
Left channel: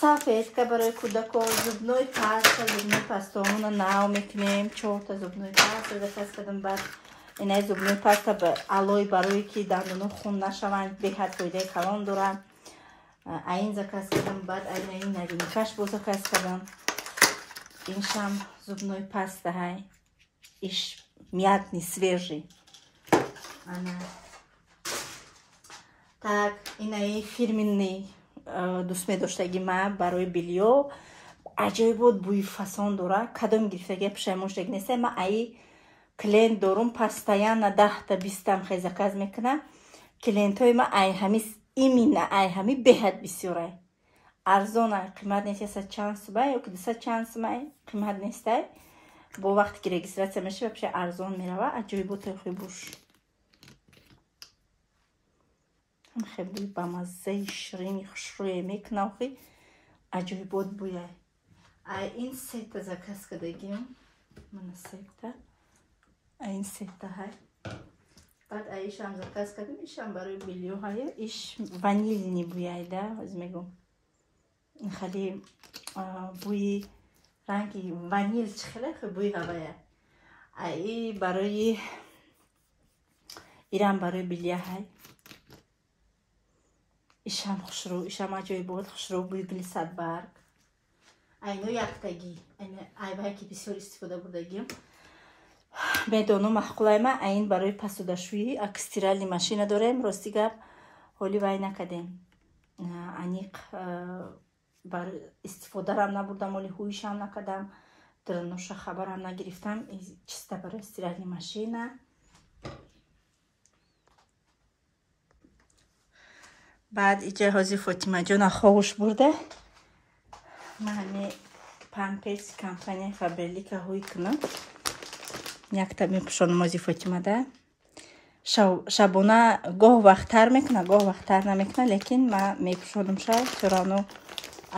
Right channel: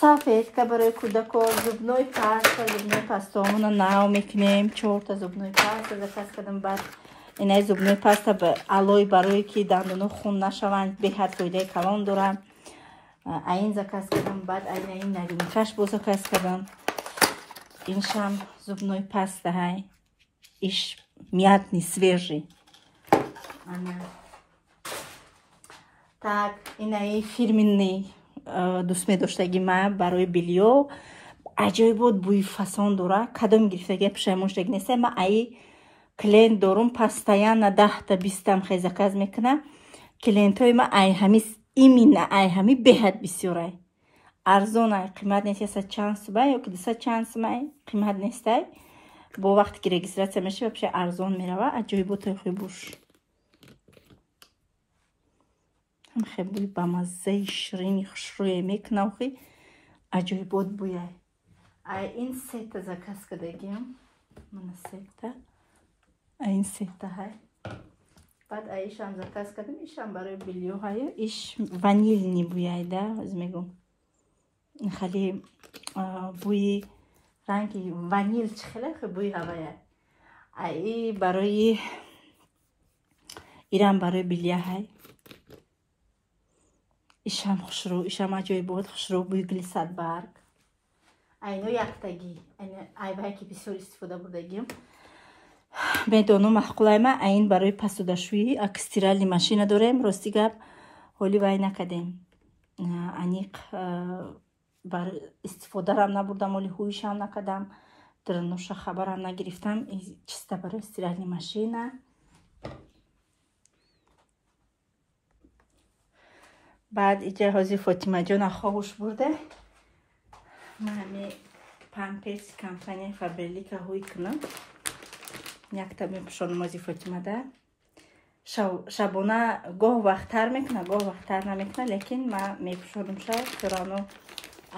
سالفетка برای کودکان زبنای پاستا همون ناو میکنیم 4 تا زبنای پاستا بس کردم. بعد اینای زبنای پاستا به علای برای که دندون خون نشوند به حد فایده کلان دارن. این زکاس کردم. بعد این نگینکش با زکاس کردم. اینشم زبنای پاستا های ایش میاتنی свежий. Так, اینای фирменный دوست می‌داشتگی ما برای بیلیو عجیب بود بوی فسان داره کدام گرفتگی پشیمونش نیست. ما ای کلینت دارم پاستایان 10 تا 20 تا خیلی زکاز میکنه. کلینتای ما ای همی ایمینه ای همی بهت بسیاره ارزونه قیمت نیست. چانس با یا که 200 چانس ما قیمت نیست. با وقتی که رجیستراسیون میشه بشه ارزون میره. عجیب بود خیلی بوش خیلی با مزه شیرینی خوشرویی میکنه خیلی عجیب بود بویه. این 3 تا زکاس کردیم من 3 تا این 3 تا های. بعد ایش هم زکاس کردیم. ایش هم برای بیلیو های ایش وانیلنی بویه ده از میگم خیلی بوی رنگی وانیل خیلی بوی هوایه. ای برای ایران برای بیلیه های ایشان خوشرو ایشان عجیب بود خوشرو بوی گلیساد برگ اینو یک تگی این ایوهایی که بسیار استفاده بردگیم медону маҳқулайма аин барои пасудашӯӣ стиралли машина дорем. Рости гап ҳоли вай накадем. Аниқ бар истифодарам набурдам, ҳоли ҳуишам накадам, дирноша хабарам нагирифтам. Чиста барои стиралли машина. баъд иҷоҳози Фотимаҷона ховуш бурда. мани памперси компания Фаберлика ҳуй кунам. Якта мепӯшонам ози Фотимада. Шабона гоҳ вақттар мекуна, гоҳ вақттар намекуна, лекин ма мепӯшонам ша чорану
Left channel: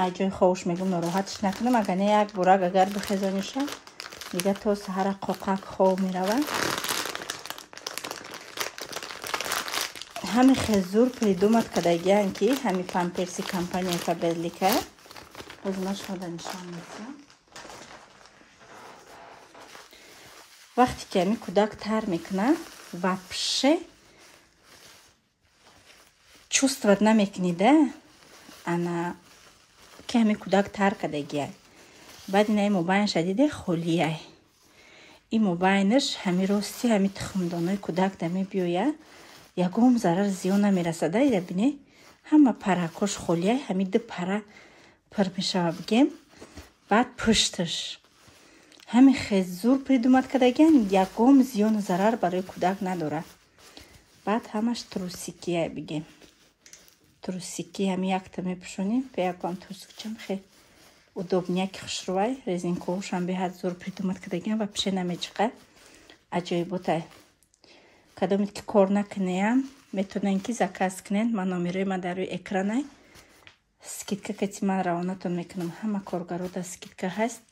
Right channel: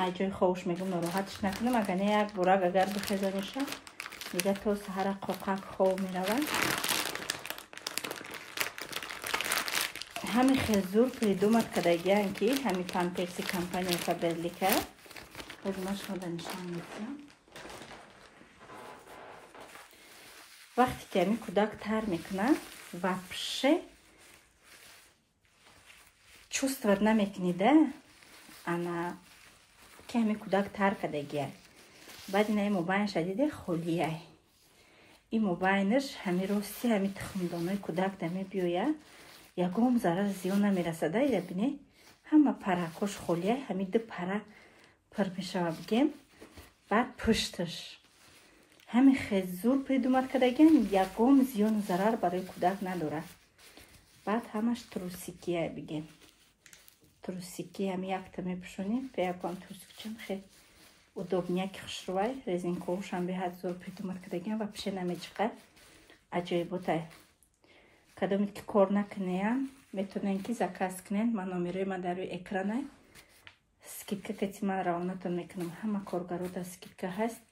аҷои ховуш мегум нороҳатш накунам. Агар не як бурак агар бихезониша дига то саҳара қоқак хов мерава. ҳами хезур придумат кардагиян ки ҳами памперси компания Фаберлика хизматшуда нишон медиҳам. вақте ки ҳами кӯдак тар мекуна вообще чувствовать намекунида ана ки ҳами кӯдак тар кардагияй. баъд инаи мобайнша диде холияй. ин мобайнаш ҳами рости ҳами тухмдонои кӯдак да мебиёя. ягон зарар зиён намерасада. ида бине ҳама паракош холияй. ҳами ду пара пир мешава бигем. баъд пушташ ҳами хезур придумат кардагиян, ягон зиёну зарар барои кӯдак надорад. баъд ҳамаш трусикия бигем. трусики ҳами якта мепӯшонем. пеякам трусикчам хеле удобняки хушрувай. резинковушам беҳад зур придумат кардагиян ва пише намечиқа. аҷоиботай. кадомит ки кор накунеям метавонен ки заказ кунен. ман номерои ма дар рӯи экранай. скидка кати ман равонатон мекунам. ҳама коргарода скидка ҳаст.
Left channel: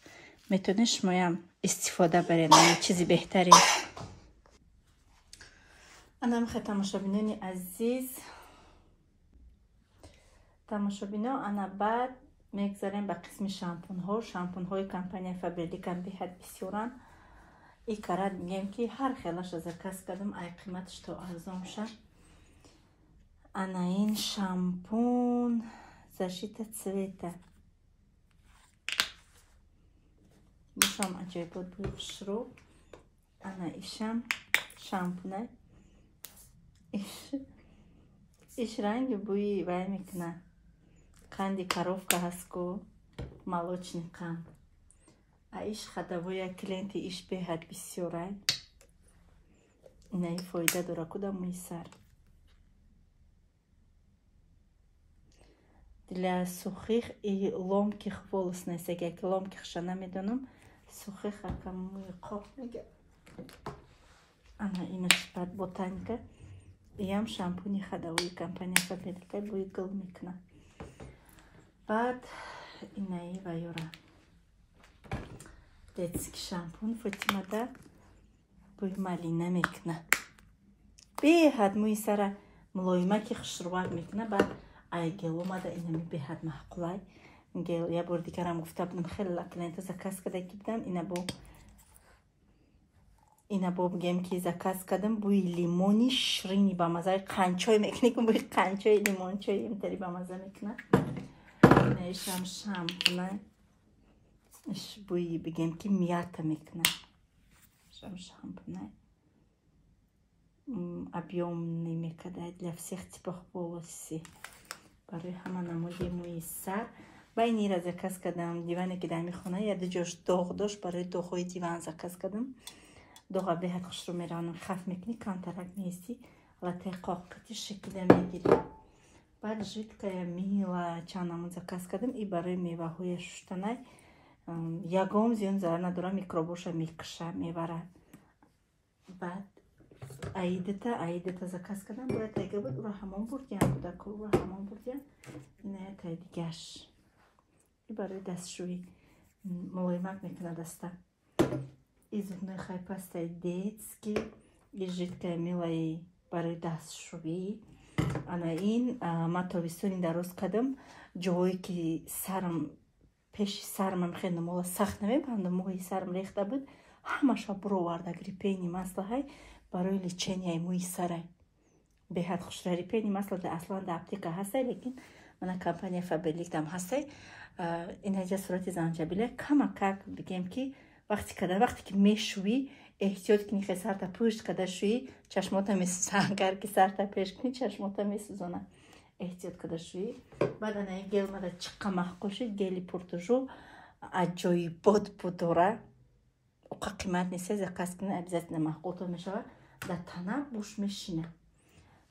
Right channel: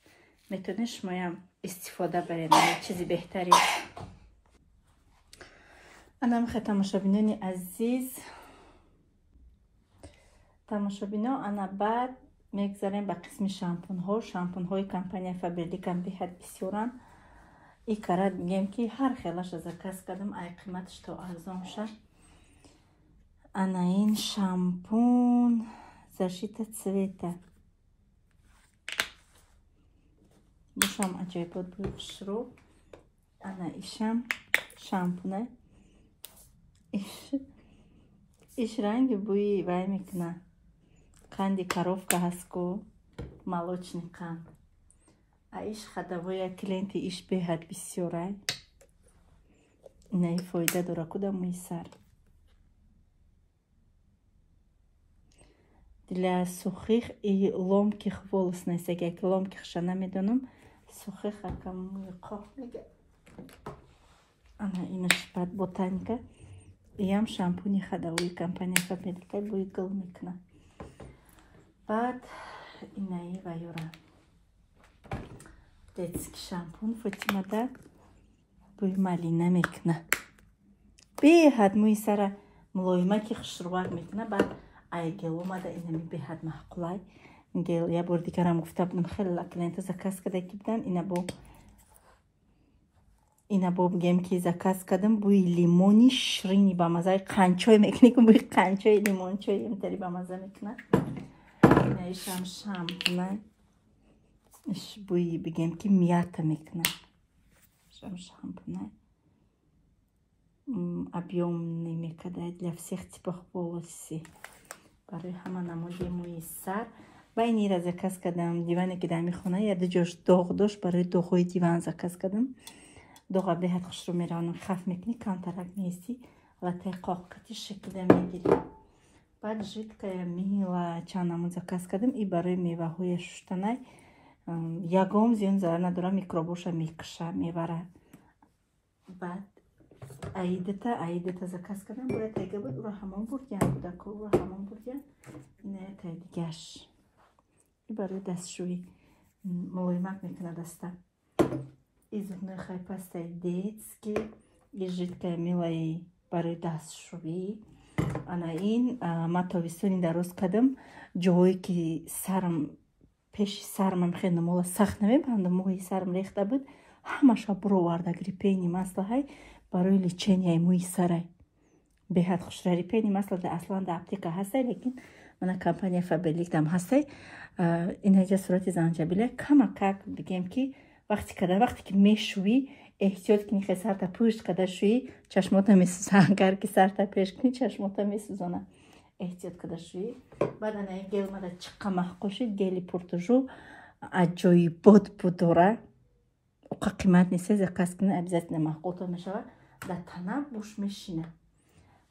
метавонен шумоям истифода баред. чизи беҳтарин. анамиха тамошобинони азиз, тамошобино, ана баъд мегзарем ба қисми шампунҳо. шампунҳои компания Фаберлика беҳад бисёранд. и карад мегем ки ҳар хелаша заказ кардам, ай қиматаш то арзон шад. ана ин шампун защита цвета. бушам аҷоибот буи хушроб. ана ишам шампуна. иш ранги буи вай мекуна. қанди коровка ҳастку, молочный қанд. а иш хадавоя клиенти иш беҳад бисёрай. инаи фоида дора куда мӯи сар. для сухих и ломких волос несега, ки ломкихша намедонам. сухих ака мӯи қоқ мега. ана инаш бад ботаника. иям шампуни хадавои компания Фаберлика буи гул мекуна. баъд инаи вайора детский шампун Фотимада буи малина мекуна. беҳад мӯи сара мулоимати хушрувак мекуна. баъд ай гел омада инами беҳад маҳқулай. гел я бор дигарам гуфта будам хеле клиента заказ када ки будам. ина бо бигем ки заказ кардам буи лимони ширини ба мазаи қанчой мекуна. ки буи қанчои лимончои имтари ба маза мекуна. ина ишам шампуна. иш буи бигем ки мята мекуна. ишам шампуна. объёмный мекадай для всех типов волоси. барои ҳама намоди мӯи сар. ва инира заказ кардам. диване ки дар мехона я ду ҷош доғ дошт. барои доғҳои диван заказ кардам. доға беҳад хушрӯ меравонам. хаф мекунӣ камтарак меисти латаи қоқати шакида мегирӣ. баъд жидкая мила чандамон заказ кардам. и барои меваҳои шуштанай. ягон зиён зарар надора. микробоша мекуша мевара. баъд аидата заказ кардам. бояд тайга буд ура ҳамон бурдиям будаку ура ҳамон бурдиям. иная тай дигаш. и барои дастшӯӣ мулоимак мекуна даста. и зубной хайпастай детский. и жидкая милаи барои дастшӯӣ. ана ин ма тобистони дароз кардам. ҷоҳое ки сарм пеши сармам хеле номола сахт намебандам. мӯи сарм рехта буд. ҳамаша буроварда репейни маслаҳай барои леченияи мӯи сарай. беҳад хушрай. репейни масла аслан да аптека ҳастай, лекин мана компания Фаберлик дам ҳастай. инаҷа сурати занҷабила камакак бигем ки вақте ки мешӯӣ احتیاط کنی که سر تا پشت کده شوی چشماتا میسوزن. اگر که سر تا پیش کنی چشماتا میسوزنه. احتیاط کده شوی. بعد انا گل مده چقا محقوشی گلی پورتوژو عجایبات بداره. اوقا قیمت نیست زکاس کنی ابزت نمحقوطه میشه در تنه بوش میشینه.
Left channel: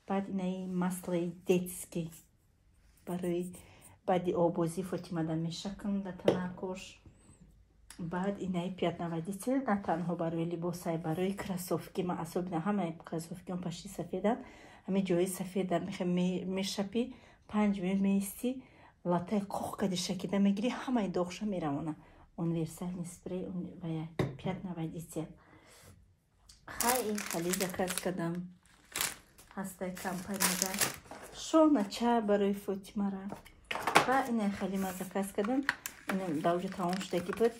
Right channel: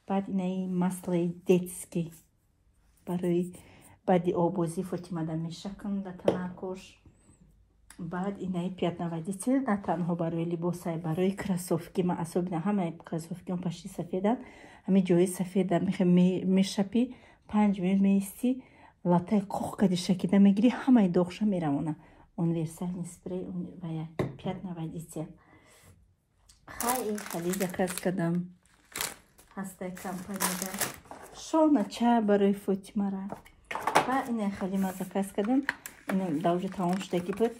بعد اینای مسئله دیتسکی برای بعدی آبوزی فاطمه دا میشکن در تنه کش. بعد اینای پیات نوادیتی نه تنها برای لباسای برای کراسوفکی ما اصاب نه همه کراسوفکی اون پشتی سفیدن همه جای سفیدن میشپی 5 منت میستی لاتای کوخ کدی شکیده میگیری همه دوخشه میرمونه اون ویرسای اسپری اون ویا پیات نوادیتی خیلی دکرس کدم هسته کمپانی دا شونه چه برای فاطمه را و اینه خیلی مزکرس کدم اینه دوجه تمام شده کی بود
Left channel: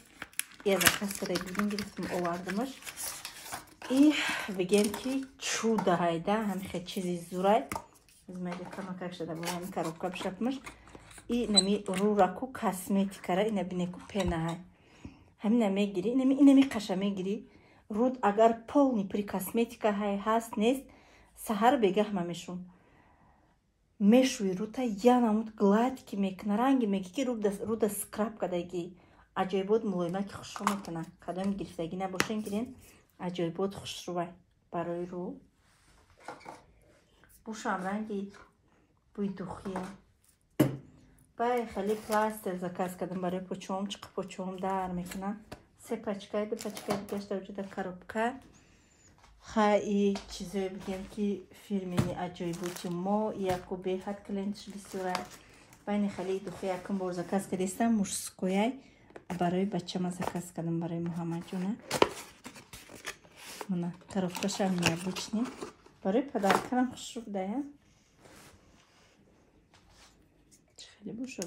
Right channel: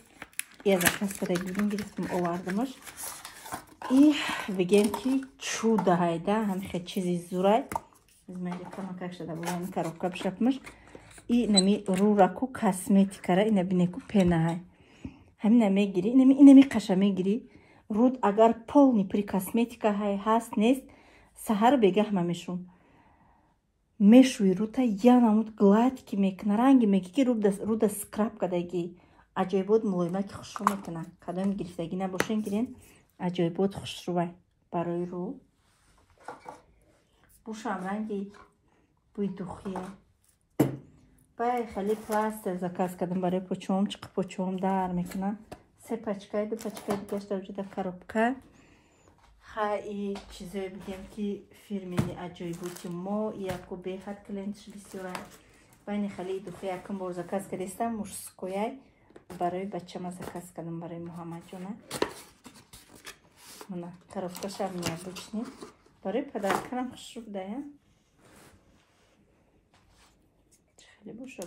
یه زکرس کده بیدیم گرفتم آوردمش ای بگیم که چوده هایده همه خیلی چیزی زورای زمینی کنم که شده باید کاروبکا بشپمش ای نمی رو راکو کاسمتیکا را اینه بینه کو پنه های همین نمیگیری اینمی قشه میگیری رود اگر پولنی پری کاسمتیکا های هست نیست سهر بگه همه میشون میشوی روتا یا نمود گلایت که میکنه رنگی میگی که رودا سکراب کدگی عجایبات ملایمه که خوش رو میکنه کدام گرفتگی نباشین گیرین عجایبات خوش روی برای رو بوشم رنگی بوی دوخیه بای خیلی پلاستر زکاز کدم برای پوچوم چقه پوچوم در میکنه 3 پچکای 2 پچکای گشت وجود کاروبکا خیلی چیزایی بگم که فیلمی عجایباتی ما یکو به خط کلنتش بسیاره بین خیلی دوخی یکم بار زکاز کدیستم مشسکویای برای بچه ما زکاز کدم برای محمد جونه منه کاروبکاش هم میابیچنی برای پدرکرم خوش رو بده خیلی بوش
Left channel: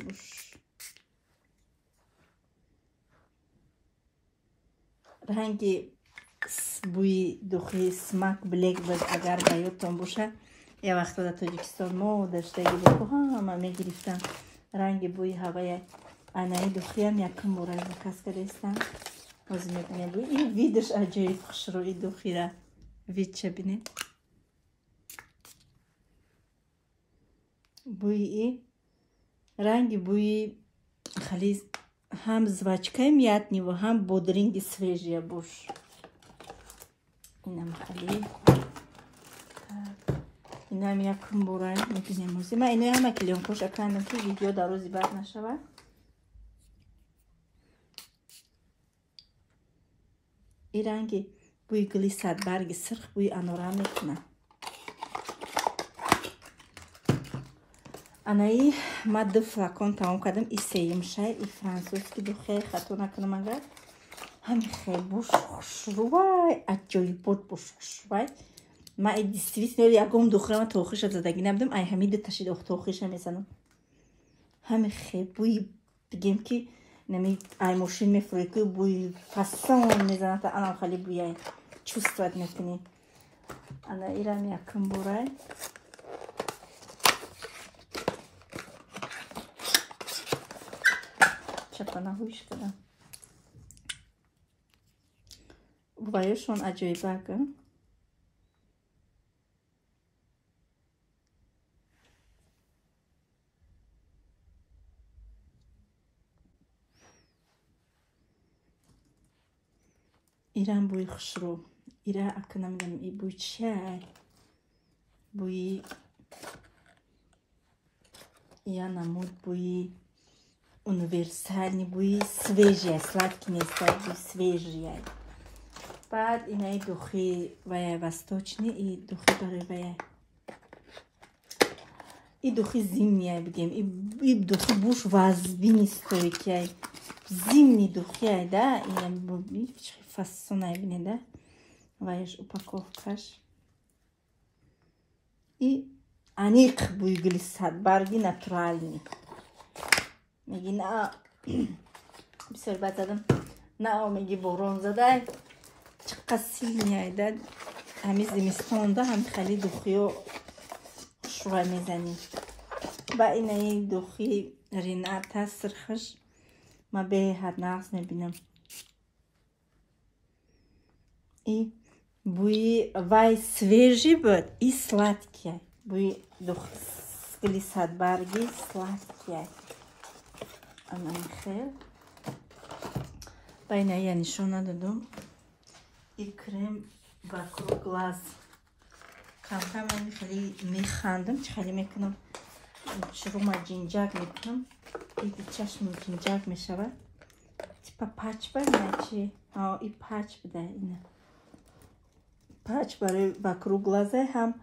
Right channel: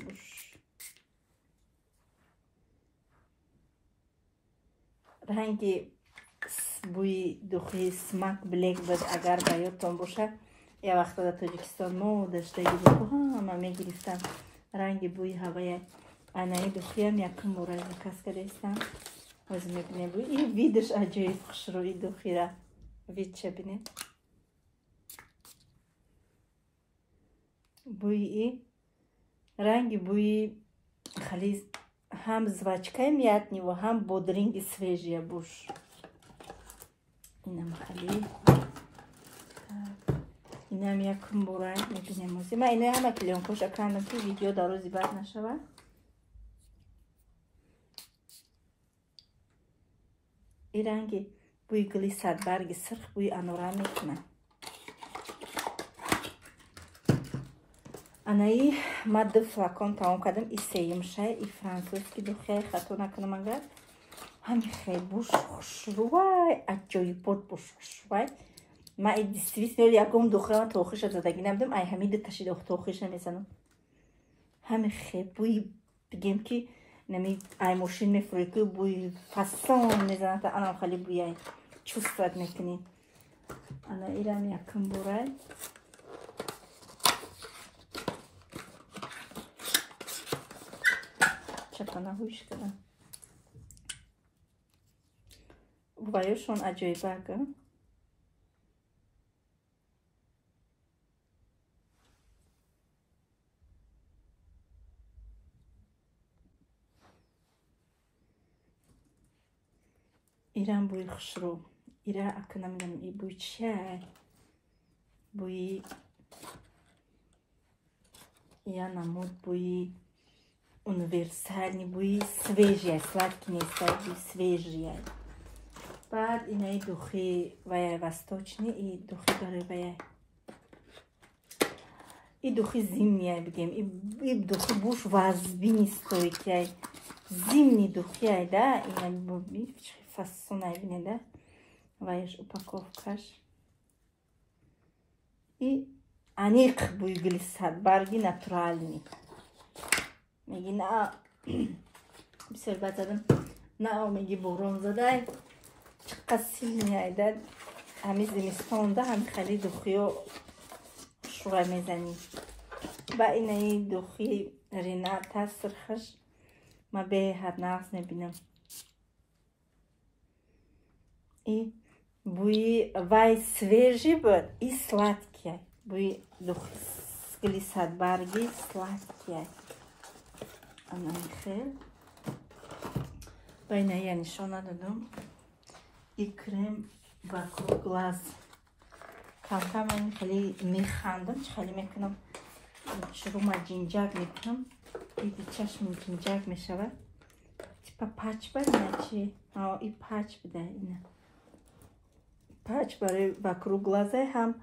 رنگی بوی دوخی سمک بلیک بود اگر بیاتون باشه یه وقت در تاجیکستان ما داشتگی بکو همه میگرفتم رنگ بوی هوای اینایی دوخی هم یکم بوره زکاز کردستم وزن میبینه بوی این ویدش عجایب خوش روی دوخی را وید چه بینید بوی ای رنگ بوی خیلی هم زوچکه میادنی و هم بودرینگ سویجیه بوش اینم خیلی اینم یکم برای میبینیم موزی من اینه هم نکلیم خوش اکنم تو ویدیو در روزی بعد نشوه این رنگی بوی گلی صدبرگ سرخ بوی انورا میکنه انایی ما 2 فلاکون تمام کردم این سیم شه این فرانسوزکی دو خیلی خطا نکنم اگر همین خیلی بوش خوش روی عجایبات بوش خوش روی ما این دیستویست نیولی اگه دختره من توخیش زدگی نبودم ای همین تشید اخت توخیش میزنم همین خیلی بوی بگیم که نمی ای ماشین میفروی که بوی فسان میزنه تا آن خیلی بوی چوست ود میکنی انا ایران یکم بوره چپانه هوش کدم بایشون عجایبه کن ایران بوی خوش رو ایران اکنم ای بوی چه بوی یا نمود بوی uniwersalni بوی سویجی slatki نیست بوی سویجی بعد اینای دوخی ویا وستوچنی ای دوخی برای ویا ای دوخی زیمنیه بگیم ای دوخی بوش وزبی نیستوی که زیمنی دوخی ده اینای بوی فاسونه بینه ده ویاش اپاکوفکاش ای انیق بوی گلیسات برگی ناتورالنی میگی نه بسیار بد زدم نه میگی باران زده چقدر سیل میایده همی زمستان ده هم خیلی دوخی و شروع میزنی با اینه دوخی رینه تاثر خش ما به حد نقص میبینم И буи вай свежий буд, и сладкий. Буи глиссад барги сладкий. Ана хел. Байна я нишона дадам. И крем вокруг глаз. Кам-кам ами хели механдам, хели мекунам. Шурума джинджак мекунам. И чашм джинджак мешавад. Типа пач бар начи. И пач буда ина. Пач барои вокруг глаза ҳам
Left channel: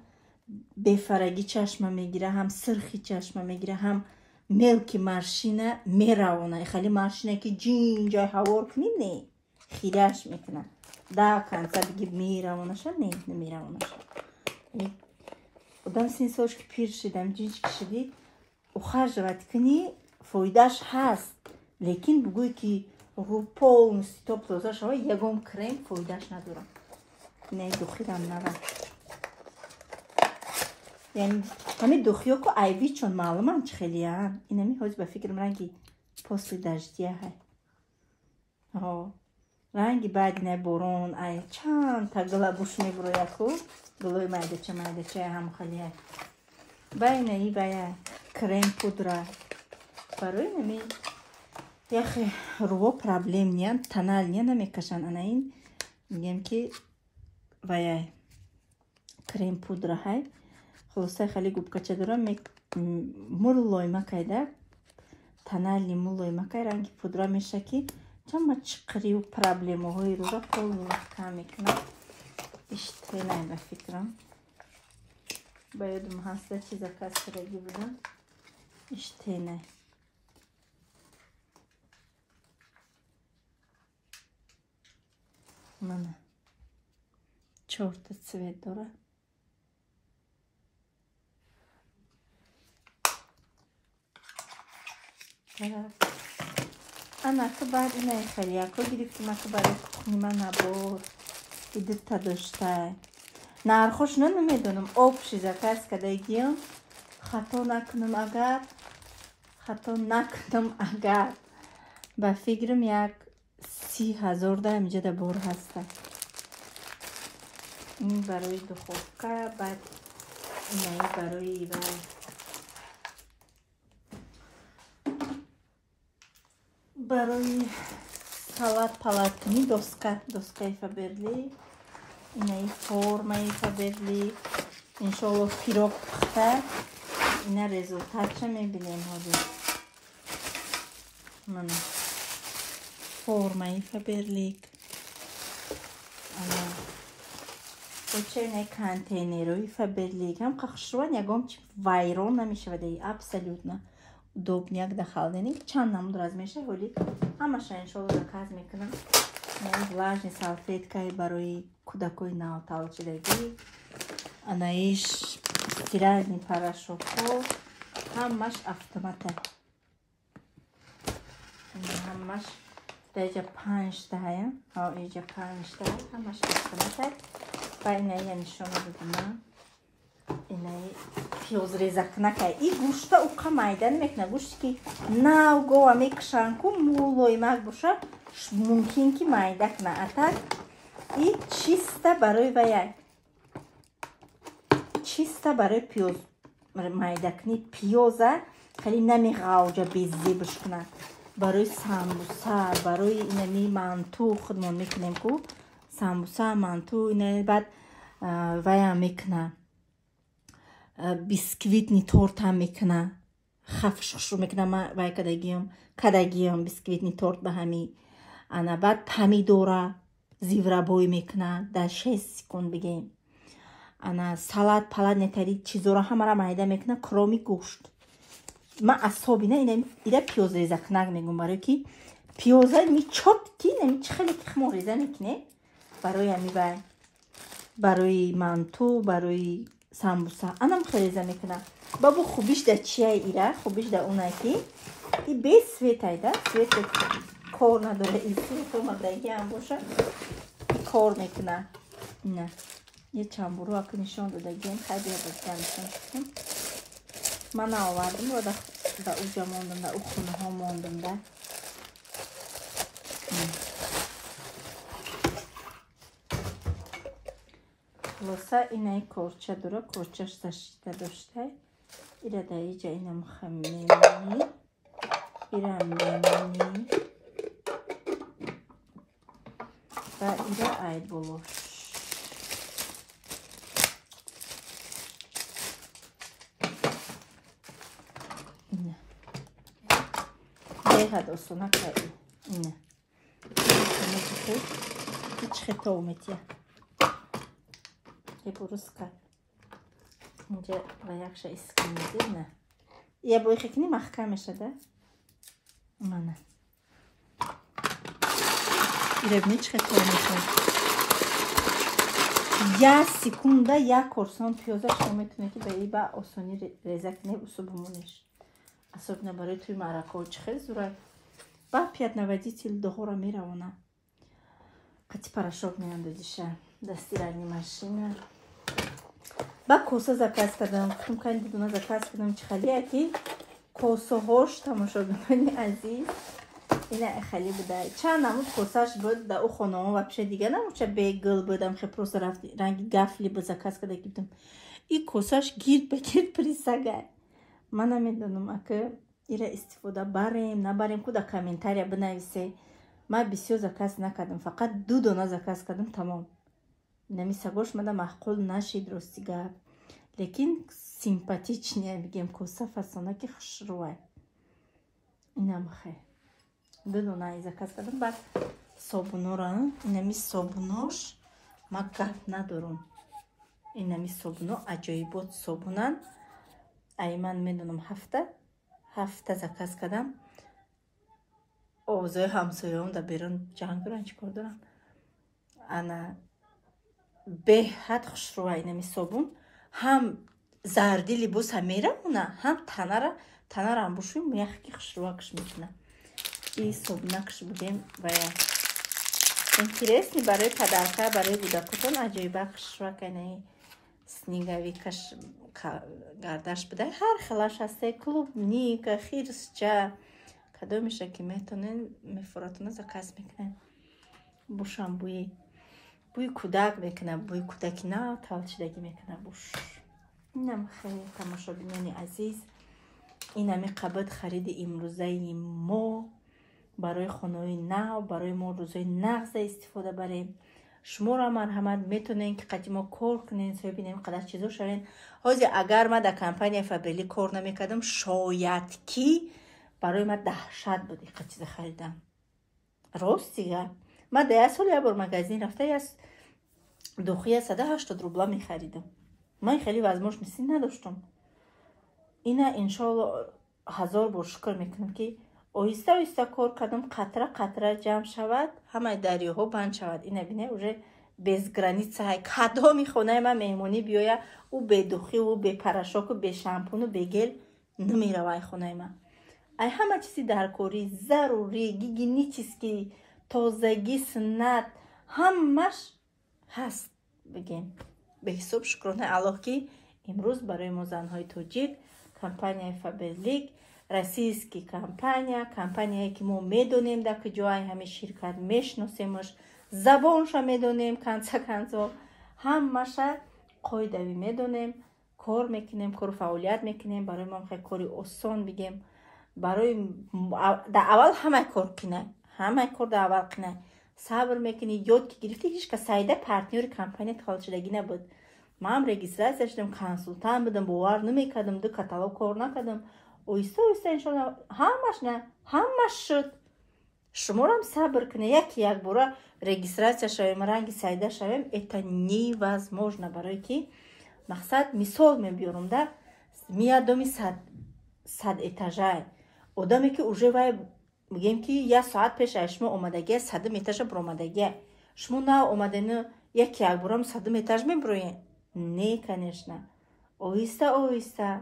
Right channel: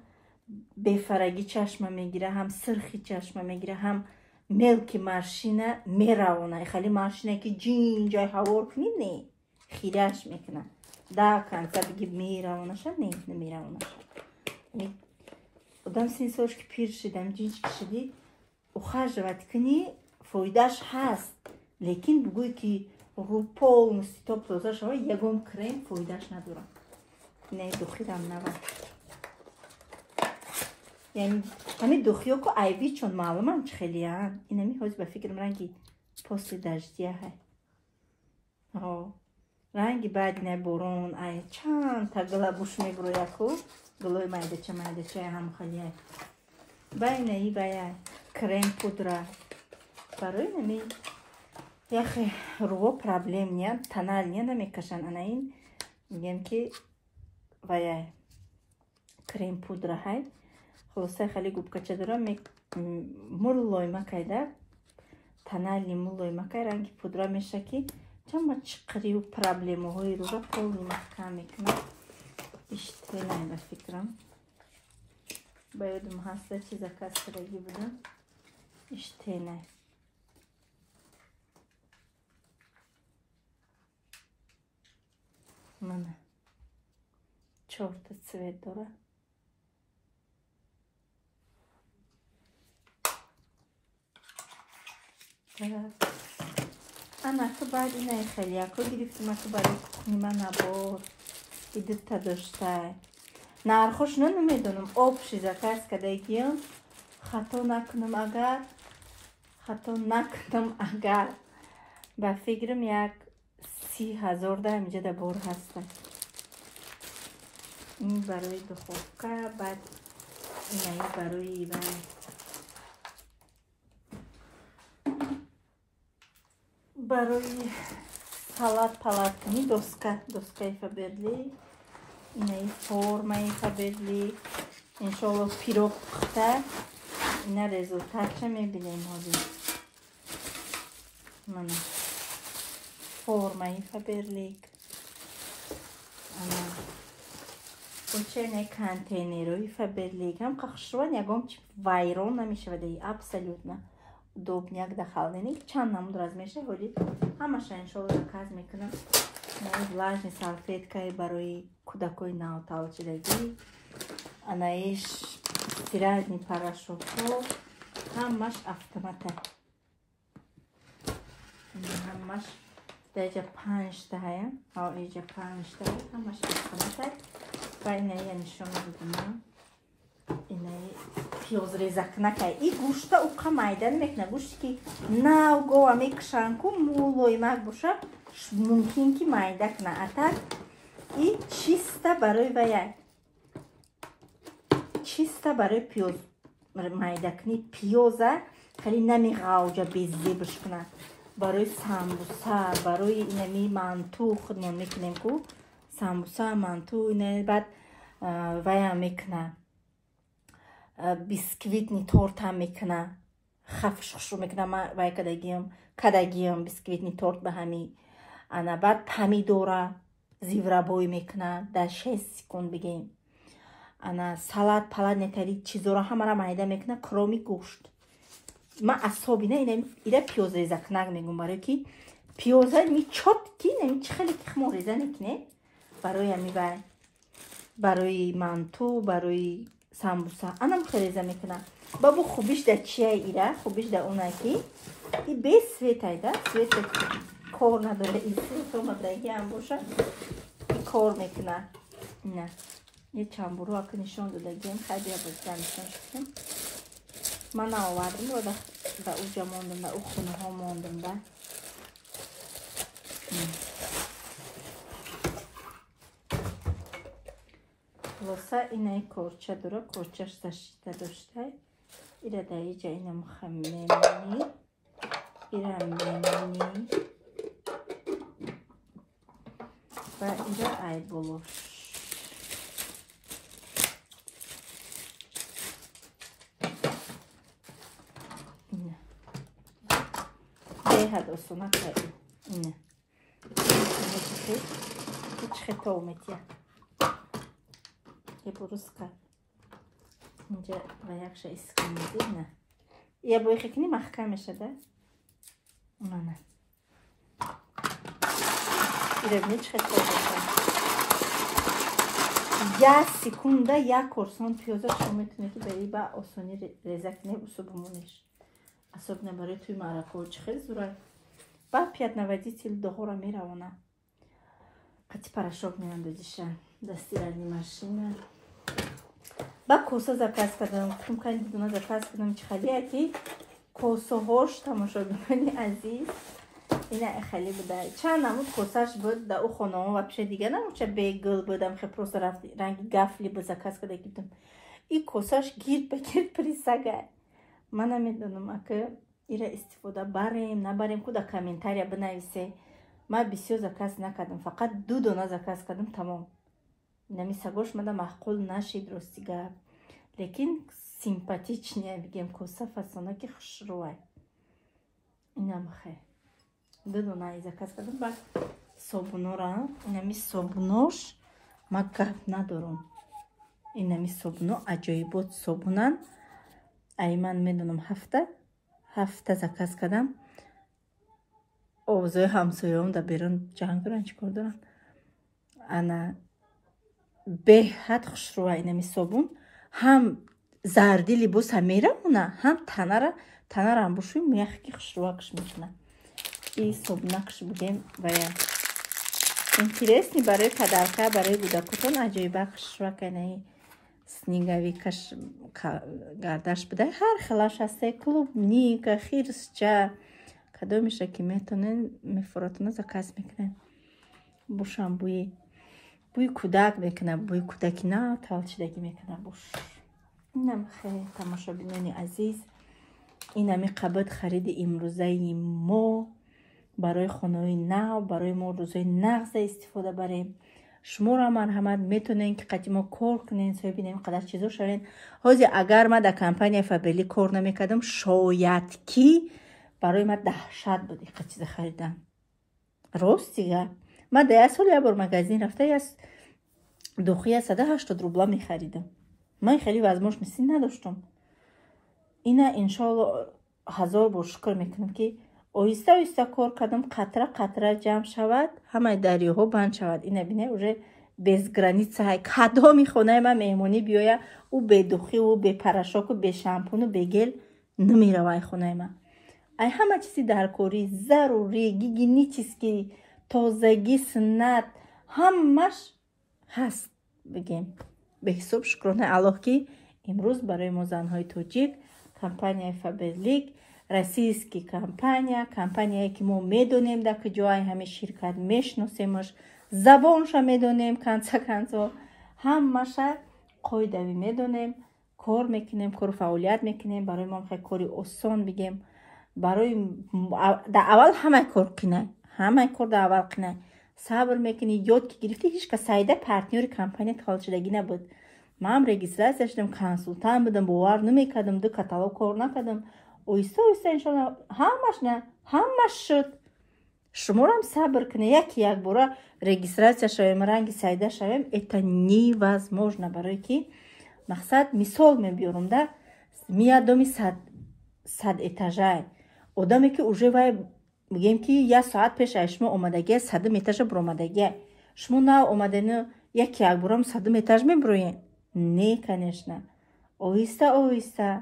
бефараги чашма мегира, ҳам сирхи чашма мегира, ҳам мелки маршина меравона. Хали маршина ки джинҷай ҳавор кунӣ не хираш мекуна. Да канца биги меравонаша не намеравонаша. Одам син солш ки пир шидам, джинҷ кишидӣ ухажават кунӣ фоидаш ҳаст. Лекин бугӯй ки рӯ полностью топ-тоза шава ягон крем фоидаш надора. Не духидам нава. یعنی همین دخیو کو ایوی چون معلومم چه خیلی هم این همی حاج به فکرم رنگی پوست دشتیه های رنگی بعد نه برون ای چند تا گلابوش میگروی خود گلوی مایده چه هم خیلی های باینه ای باید کرم پودره برای نمی یخی رو پرابلم نیان تنال نیان نمیکشن انا این میگم که باید کرم پودره های خلاصه خیلی گوبکچه دارم مولوی مکایده تنالی مولوی مکای رنگی پودره میشه که چند چقری و پرابلم های رو را خیلی کم میکنم اشته نیم فکرم باید محاسبه چیزا کسرگی بودم اشته نیم منه چورت سوید داره انا که بعد اینه خیلی اکو گرفتیم اکو برای نیمه نبود ایدت تا داشته نرخوش نمیدونم آب شیزه کس کده گیم خطا نکنم اگر با فکرم یک 30,000 ده اینجا ده بور هسته این برای دخوفکه بعد اینه برای ایوه برای سالات پالاتنی دوسکای فبرلی اینه فرمای فبرلی انشالله پیروک بخته اینه رزولتات چه میبینیم هدی من فرمای فبرلی اوچه اینه کانتینروی فبرلی هم قخشوان یکم چی وایرون نمیشه ولی ابسولوت نه удобняк дахалдани чанд намуд раз меша вали ҳамаша иншолло заказ мекунам влажни салфеткаи барои кӯдакои навталчидагӣ анаиш стиральни порошокҳо ҳамаш автомата ҳамаш даҷа 5 таҳаям иҷа 5 таҳа ҳамаш автомата ва инаия нишона додам инаи пиёзрезакнакай и гӯшта уқа майда намекуна гӯшти ки навгова мекушан ку мулоимак боша мумкин ки майда куна атак и чиста барои ваяй чиста барои пиёз майда куни пиёза хеле намеғавҷа беззебш куна барои самбуса барои инами манту худ мо мекунем ку самбуса манту ина баъд ваям мекуна бисквитни торт ҳам мекуна хафшхшу мекуна вай кадагиём бисквитни торт ба ҳами ана баъд помидора зиврабой мекуна дар 6 секунд бигем ана салат палат нетари чизора ҳамара майда мекуна кроми гӯшт ма асобина ира пиёзрезакнак мегум барои ки пиёза ми чотки нами чи хеле хмо реза мекуне барои ами вай барои манту барои самбуса анам хелеза мекуна бабу хубиш да чияй ира хубиш да уна ки и без светайда свет кор надора иси формадаги ам боша кор мекуна ина یه چنبورو اکو نشان دادگیم خیلی بازده نشان کشیم من آوردیم و در اوجا موندم در او خونه ها موندم در خلاصه اینه کورچه داره کورچهش زشته داشته ایره در اینجا اینه مخمینی ایره میمونی و ایره ای بولوش اینه هاد اصلا کاری اینه هیچ خطا اومدیه بروز کرد اینجا و یکش اسکنیدی نه یه بوی خیلی محکم شده منه ایره نیچ خیلی یه سکونده یک کورسان پیازه شما میتونه که به با آسانی ریزه کنی بسو بمونش اصاب نباره توی مرکه چه خیلی زوره با پیاد نودی تیل دهو را میروانه قطی پرشاب میاندازیشه دستی رنی ماشینه با کوسه زکاز کردم گفتم که دیدونه زکاز کردم چه خیلیه که کوسه هاش تماشا بکنی عزیز اینه خیلی بوده چند نمود کوسهش بود در او خانه ها و پیش دیگه نمود چه بیگل بودم خیلی پروس رفت رنگی گفلی بود زکاز کرده گفتم این کوسهش گیر بگیر پریسگه من نمیدونم که ایره استفاده بریم نبریم که در کامنتاریا بنویسه ما بسیار زکاز نکردم فقط 2 دانه زکاز کردم تمام نمی سگوش مده معقول نشید رستیگه لیکن سیمپاتیچ نیه بگیم کوسه فسانه که خوش روه اینم خیلی 2 دانه زکاز کردم بعد صابونو را اینمی صابونوش ما گفت ندارم اینمی صابونو عجایبات صابونن ای من میدونم هفته زکاز کردم اوضاع همسایه هم در بیرون جنگ برن چیکار دارن انا به حد خوش روه اینمی صابون هم زردی لباس هم میره هم تنه را هم بشوی میخی که خوش روه کش میکنه این صابونه کش بگیم باید اینترسنی برای پدرکه برای بودکتون عجایبه کش روه کنه سنیگوی کش گردش بده هر خلاش هسته کلوب نیک خیرس چه کدو میشه که میفراتونه زکاز میکنه بوشم بوی کودک بکنه بوی کودکی نه تالچیدگی میکنه بوش اینم خیلی تماشا بینانی عزیز اینمی قبط خرید امروزه ما برای خانوی نو برای ما روزای نغز استفاده بریم شما را مرحمت میتونین که قدیما کار کنین سوی بینیم قدر چیزو شوین حاضی اگر ما در کمپانی فابلی کار نمیکردم شاید کی برای ما دهشت بودی که چیز خریدم راست دیگه ما 10 سال یه بار مگزین رفته از دوخی 180 روبلا میخریدم من خیلی وزموش مثل نداشتم اینه انشاءالله 1000 بار شکر میکنم که آیسته آیسته کار کردم قطره قطره جمع شود همه دریاها بند شود اینه بینه اوره bez granice های کدام خونه من مهمانی بیایه او به دوخی و به پرشاک و به شامپون و به گل نمیروه خونه من ای همه چیزی در کاری ضروری گیگی چیز که تازگی سنت همش هست بگیم به حساب شکرانه الله که امروز برای ما زنهای توجیک کمپانی فابلیک رسیسکی کمپانیایی که ما میدونیم در که جای همه شرکت میشناسیمش زبانش میدونیم کنسا همش قایدوی میدونیم کار میکنیم کار فعالیت میکنیم برای ما خیلی کاری آسان بگیم برای در اول همه کار کنه همه کار در اول کنه صبر میکنی یاد که گرفتی هیچ که سایده پارتنر کمپانی تحال شدگی نبود ما هم رجیستراسیون شدم کنسولتان بودم باور نمیکردم دو کاتالوگ کار نکردم اویسته انشالله همش شد شما هم صبر کنه یک بار رجیستراسیون شویم رنگ سایده شویم ایتا невозможно برای که مقصد مثال میبیارم در میادمی 100 اتاژای آدمی که اوجه وای میگیم که یک ساعت پیش شما اومدگی 100 اتاژ برآمدگی شما نه اومدن یک بارم 100 اتاژ میبروین نه کنشنه اویسته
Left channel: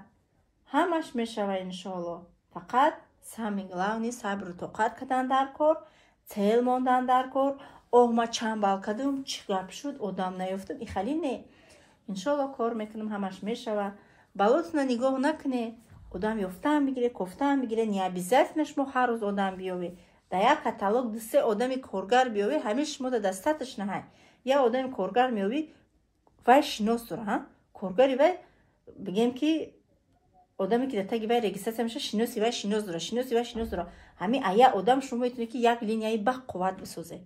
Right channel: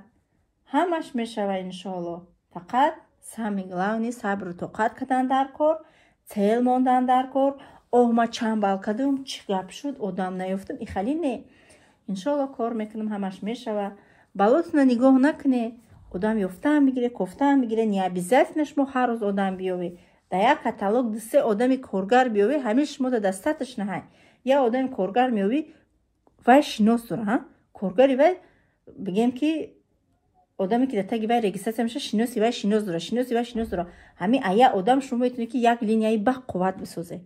همش میشوه انشالله فقط سامی главный صبر و طاقت کردن در کار цел موندن در کار ما چنبال کردم چی گپ شد آدم نیفتم این خیلی نه انشالله کار میکنم همش میشوه بالاتون نگاه نکنه آدم یفتن میگیره کفتن میگیره نیابیزت نشمو هر روز آدم بیاوی در یک کاتالوگ 2 آدم کارگر بیاوی همیشه شما دستاتش نه یا آدم کارگر میاوی вай шинос дора, коргари вай бигем ки одаме ки таги вай регистрация меша шиноси вай шинос дора. Ҳамин ая одам шумо метавонед ки як линияи ба қувват бисозед.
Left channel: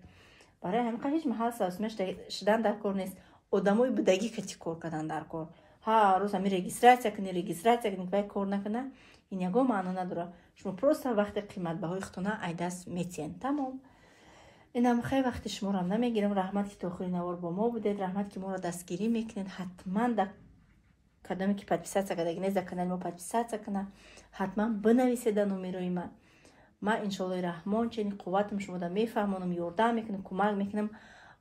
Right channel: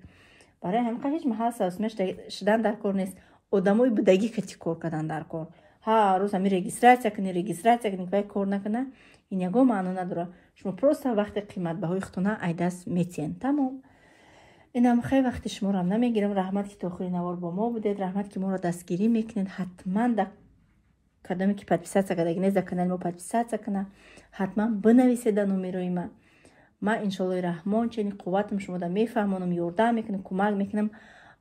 барои ҳамин ҳеҷ маҳал савосмеш шудан дар кор нест. одамои будагӣ кати кор кардан дар кор. ҳа рӯз ҳамин регистрация кунӣ вай кор накунад. ин ягон маъно надора. шумо просто вақте қиматбаҳои худтона айдаст метиен. Тамом. инам хеле вақти шуморо намегирам. раҳмат ки то охири навор бо мо будед. раҳмат ки моро дастгирӣ мекунед. ҳатман дар кадоме ки подписация кардаги нест дар канали мо подписация кунад. ҳатман бинависед дар номерои ман. ман иншоаллоҳи раҳмон чунин қувватам шумода мефаҳмонам, ёрдам мекунам, кӯмак мекунам.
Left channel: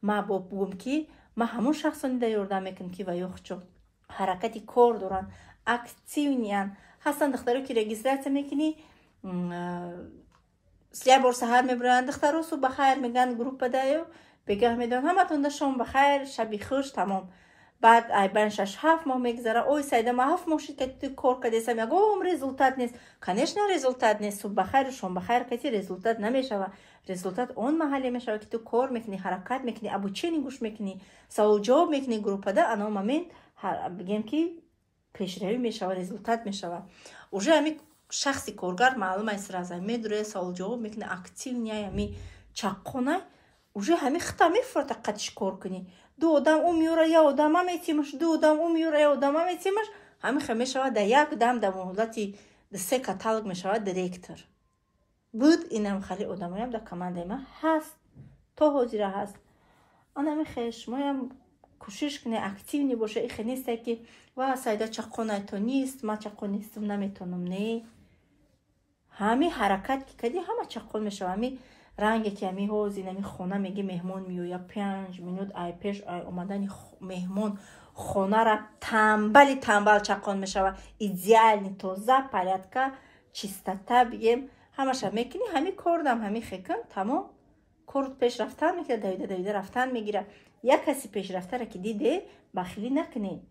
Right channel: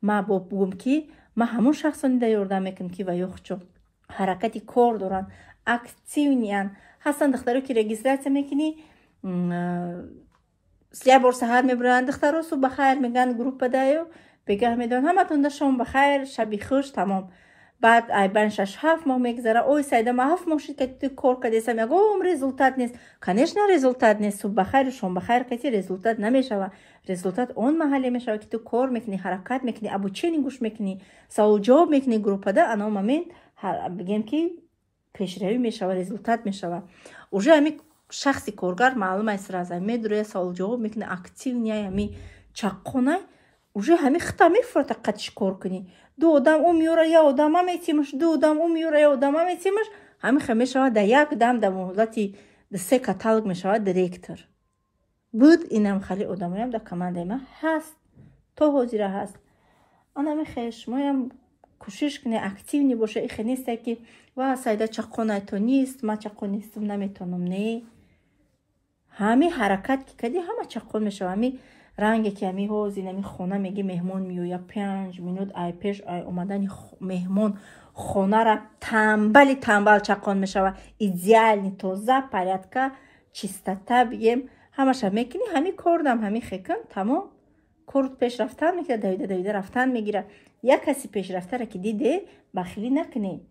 ман бо бугум ки ман ҳамон шахсони да ёрдам мекунам ки ва ёхчо ҳаракати кор доранд, активниан ҳастанд. духтаро ки регистратсия мекунӣ, як бор саҳар мебаранд духтаро субҳахайр мегӯянд группа даю бегах медоҳанд ҳаматонда шом бахайр, шаби хуш, тамом. баъд айбан 6-7 моҳ мегзара. ой сайда ма 7 моҳ шид ки ту кор кардесам, ягон результат нест. конечно результат нест. субҳахайр шомбахайр кати результат намешава. результат он маҳале мешава ки ту кор мекунӣ, ҳаракат мекунӣ, обучение гӯш мекунӣ, саволу ҷавоб мекунӣ группада. ано момент бигем ки пешравӣ мешава, результат мешава. уже ҳамин шахси коргар маълум аст сразу медурояд, саволу ҷавоб мекунӣ, активния ҳамин чаққонай уже ҳамин хита мефурата қатиш кор кунӣ. ду одам у меёра, я одама метимаш, ду одам у меёра, я одама метимаш. ҳамин хел мешавад дар як дам дар муҳлати се каталог мешавад директор. буд инам хали одамоям дар командаи ман ҳаст, то ҳозира ҳаст. анами хел шумоям кӯшиш кунед активни боша. ихе несте ки ва сайда чаққонай то нест, ман чаққон нестам наметонам. не, ҳамин ҳаракат ки кади ҳама чаққон мешавад. ҳамин ранге ки ҳамин ҳозин ҳамин хона меги меҳмон меояд 5 минут ай пеш ай омадани меҳмон хонара тамбали тамбал чаққон мешавад. идеални тоза порядка чистота бигем ҳамаша мекунӣ. ҳамин кордам ҳамин хекун тамом. корд пешрафтан мекунад, давида рафтан мегирад. як каси пешрафтара ки диде бахилӣ накунед.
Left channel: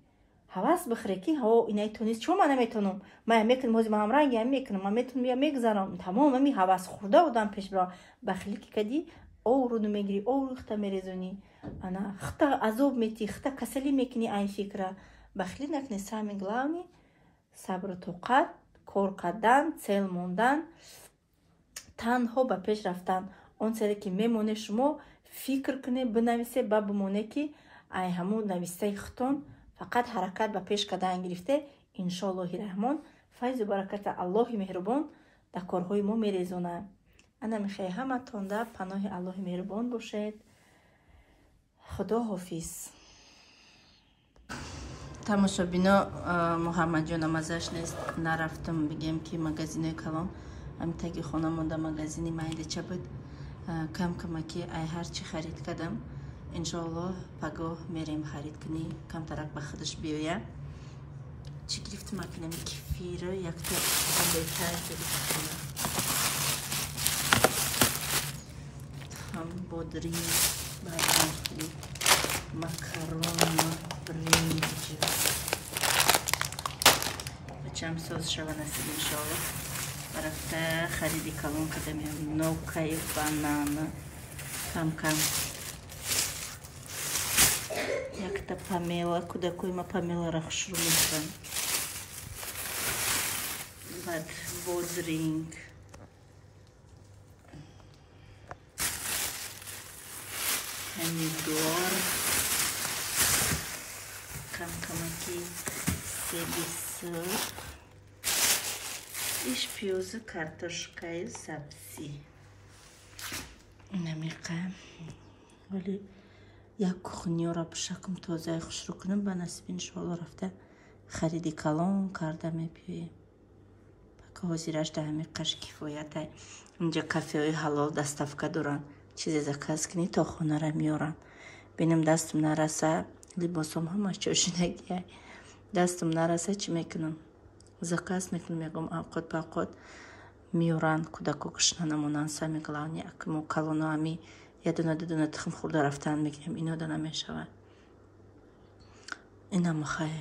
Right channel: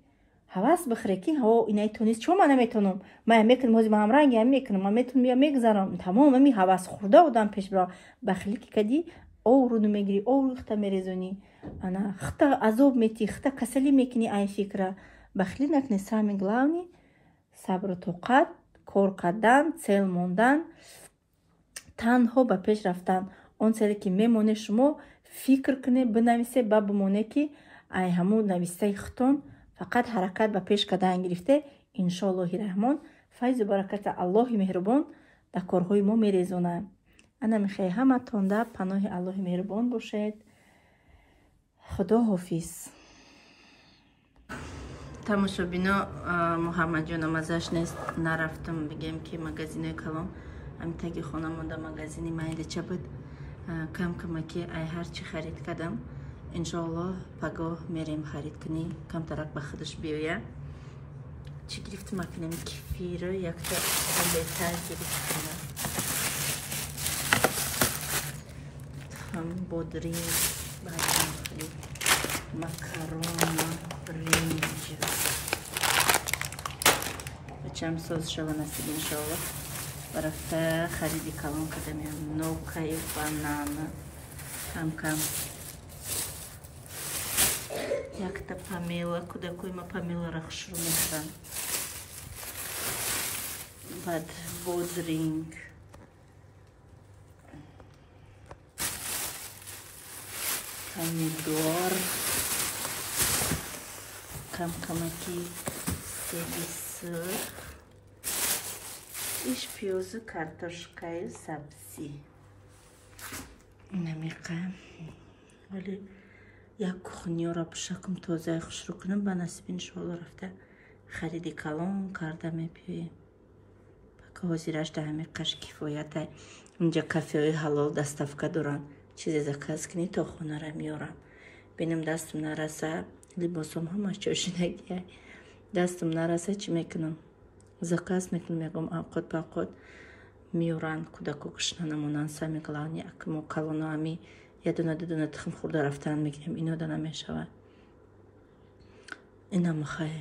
ҳавас бихӯре ки ҳаво инаи тонист, чо ман наметонам, ман мекунам, ҳози ман ҳамранги ҳам мекунам, ман метонам я мегзарам. тамом ҳамин ҳавас хӯрда одам пеш бирав. бахилӣ ки кади овруду мегирӣ, овру хита мерезонӣ, ана хита азоб метӣ, хита касалӣ мекунӣ айн фикра. бахилӣ накунед. сами главни сабру тоқат, кор кардан, цел мондан, танҳо ба пеш рафтан. он чизе ки мемоне шумо фикр кунед, бинависед ба бимоне ки ай ҳамун навистаи хутон фақат ҳаракат ба пеш кардан гирифте. иншоаллоҳи раҳмон файзу бараката аллоҳи меҳрубон дар корҳои мо мерезонад. ана мехоҳам ҳаматон дар паноҳи аллоҳи меҳрубон бошед. худо ҳофиз. тамошобино, муҳаммадҷонам азаш нест, нарафтам бигем ки магазини калон ҳамин таги хона монда. магазини майдача буд. кам камаки ай ҳарчи харид кардам. иншоаллоҳ пагоҳ мерем харид кунӣ, камтарак ба худаш биёя. чӣ гирифтам акинами кефиро якта беҳтар гирифтам. ҳам бодринг, баъдам харид макарон, бринҷ. бачам соз шава насиб иншоаллоҳ. рафта хариди калон кардам. нокаи банана кам якта памела, кӯдакои ма памеларо хушрӯ мекунанд. баъд бодринг, помидор, камаки себи сир, иш пиёзу картошкаю сабзӣ. намеқам вале як кухняро бишакм тозаи хушрӯ кунам. ба насиб иншоаллоҳ рафта хариди калон карда мепиёем. пака ҳозираш да ҳамин қаш кифоятай. инҷа кафеҳои ҳалол доставка доранд. чизе заказ кунӣ то хонара меорам. бинам дастам нараса, либосом ҳамаш ҷошинагиай. дастам нараса чӣ мекунам? заказ мекунам. ягон авқот ба авқот меоранд. кӯдако гушна намонанд. сами главни акмо калоно ҳами я дуна дудуна тухм хӯрда рафтан мегирем. ино да намешавад. инам хай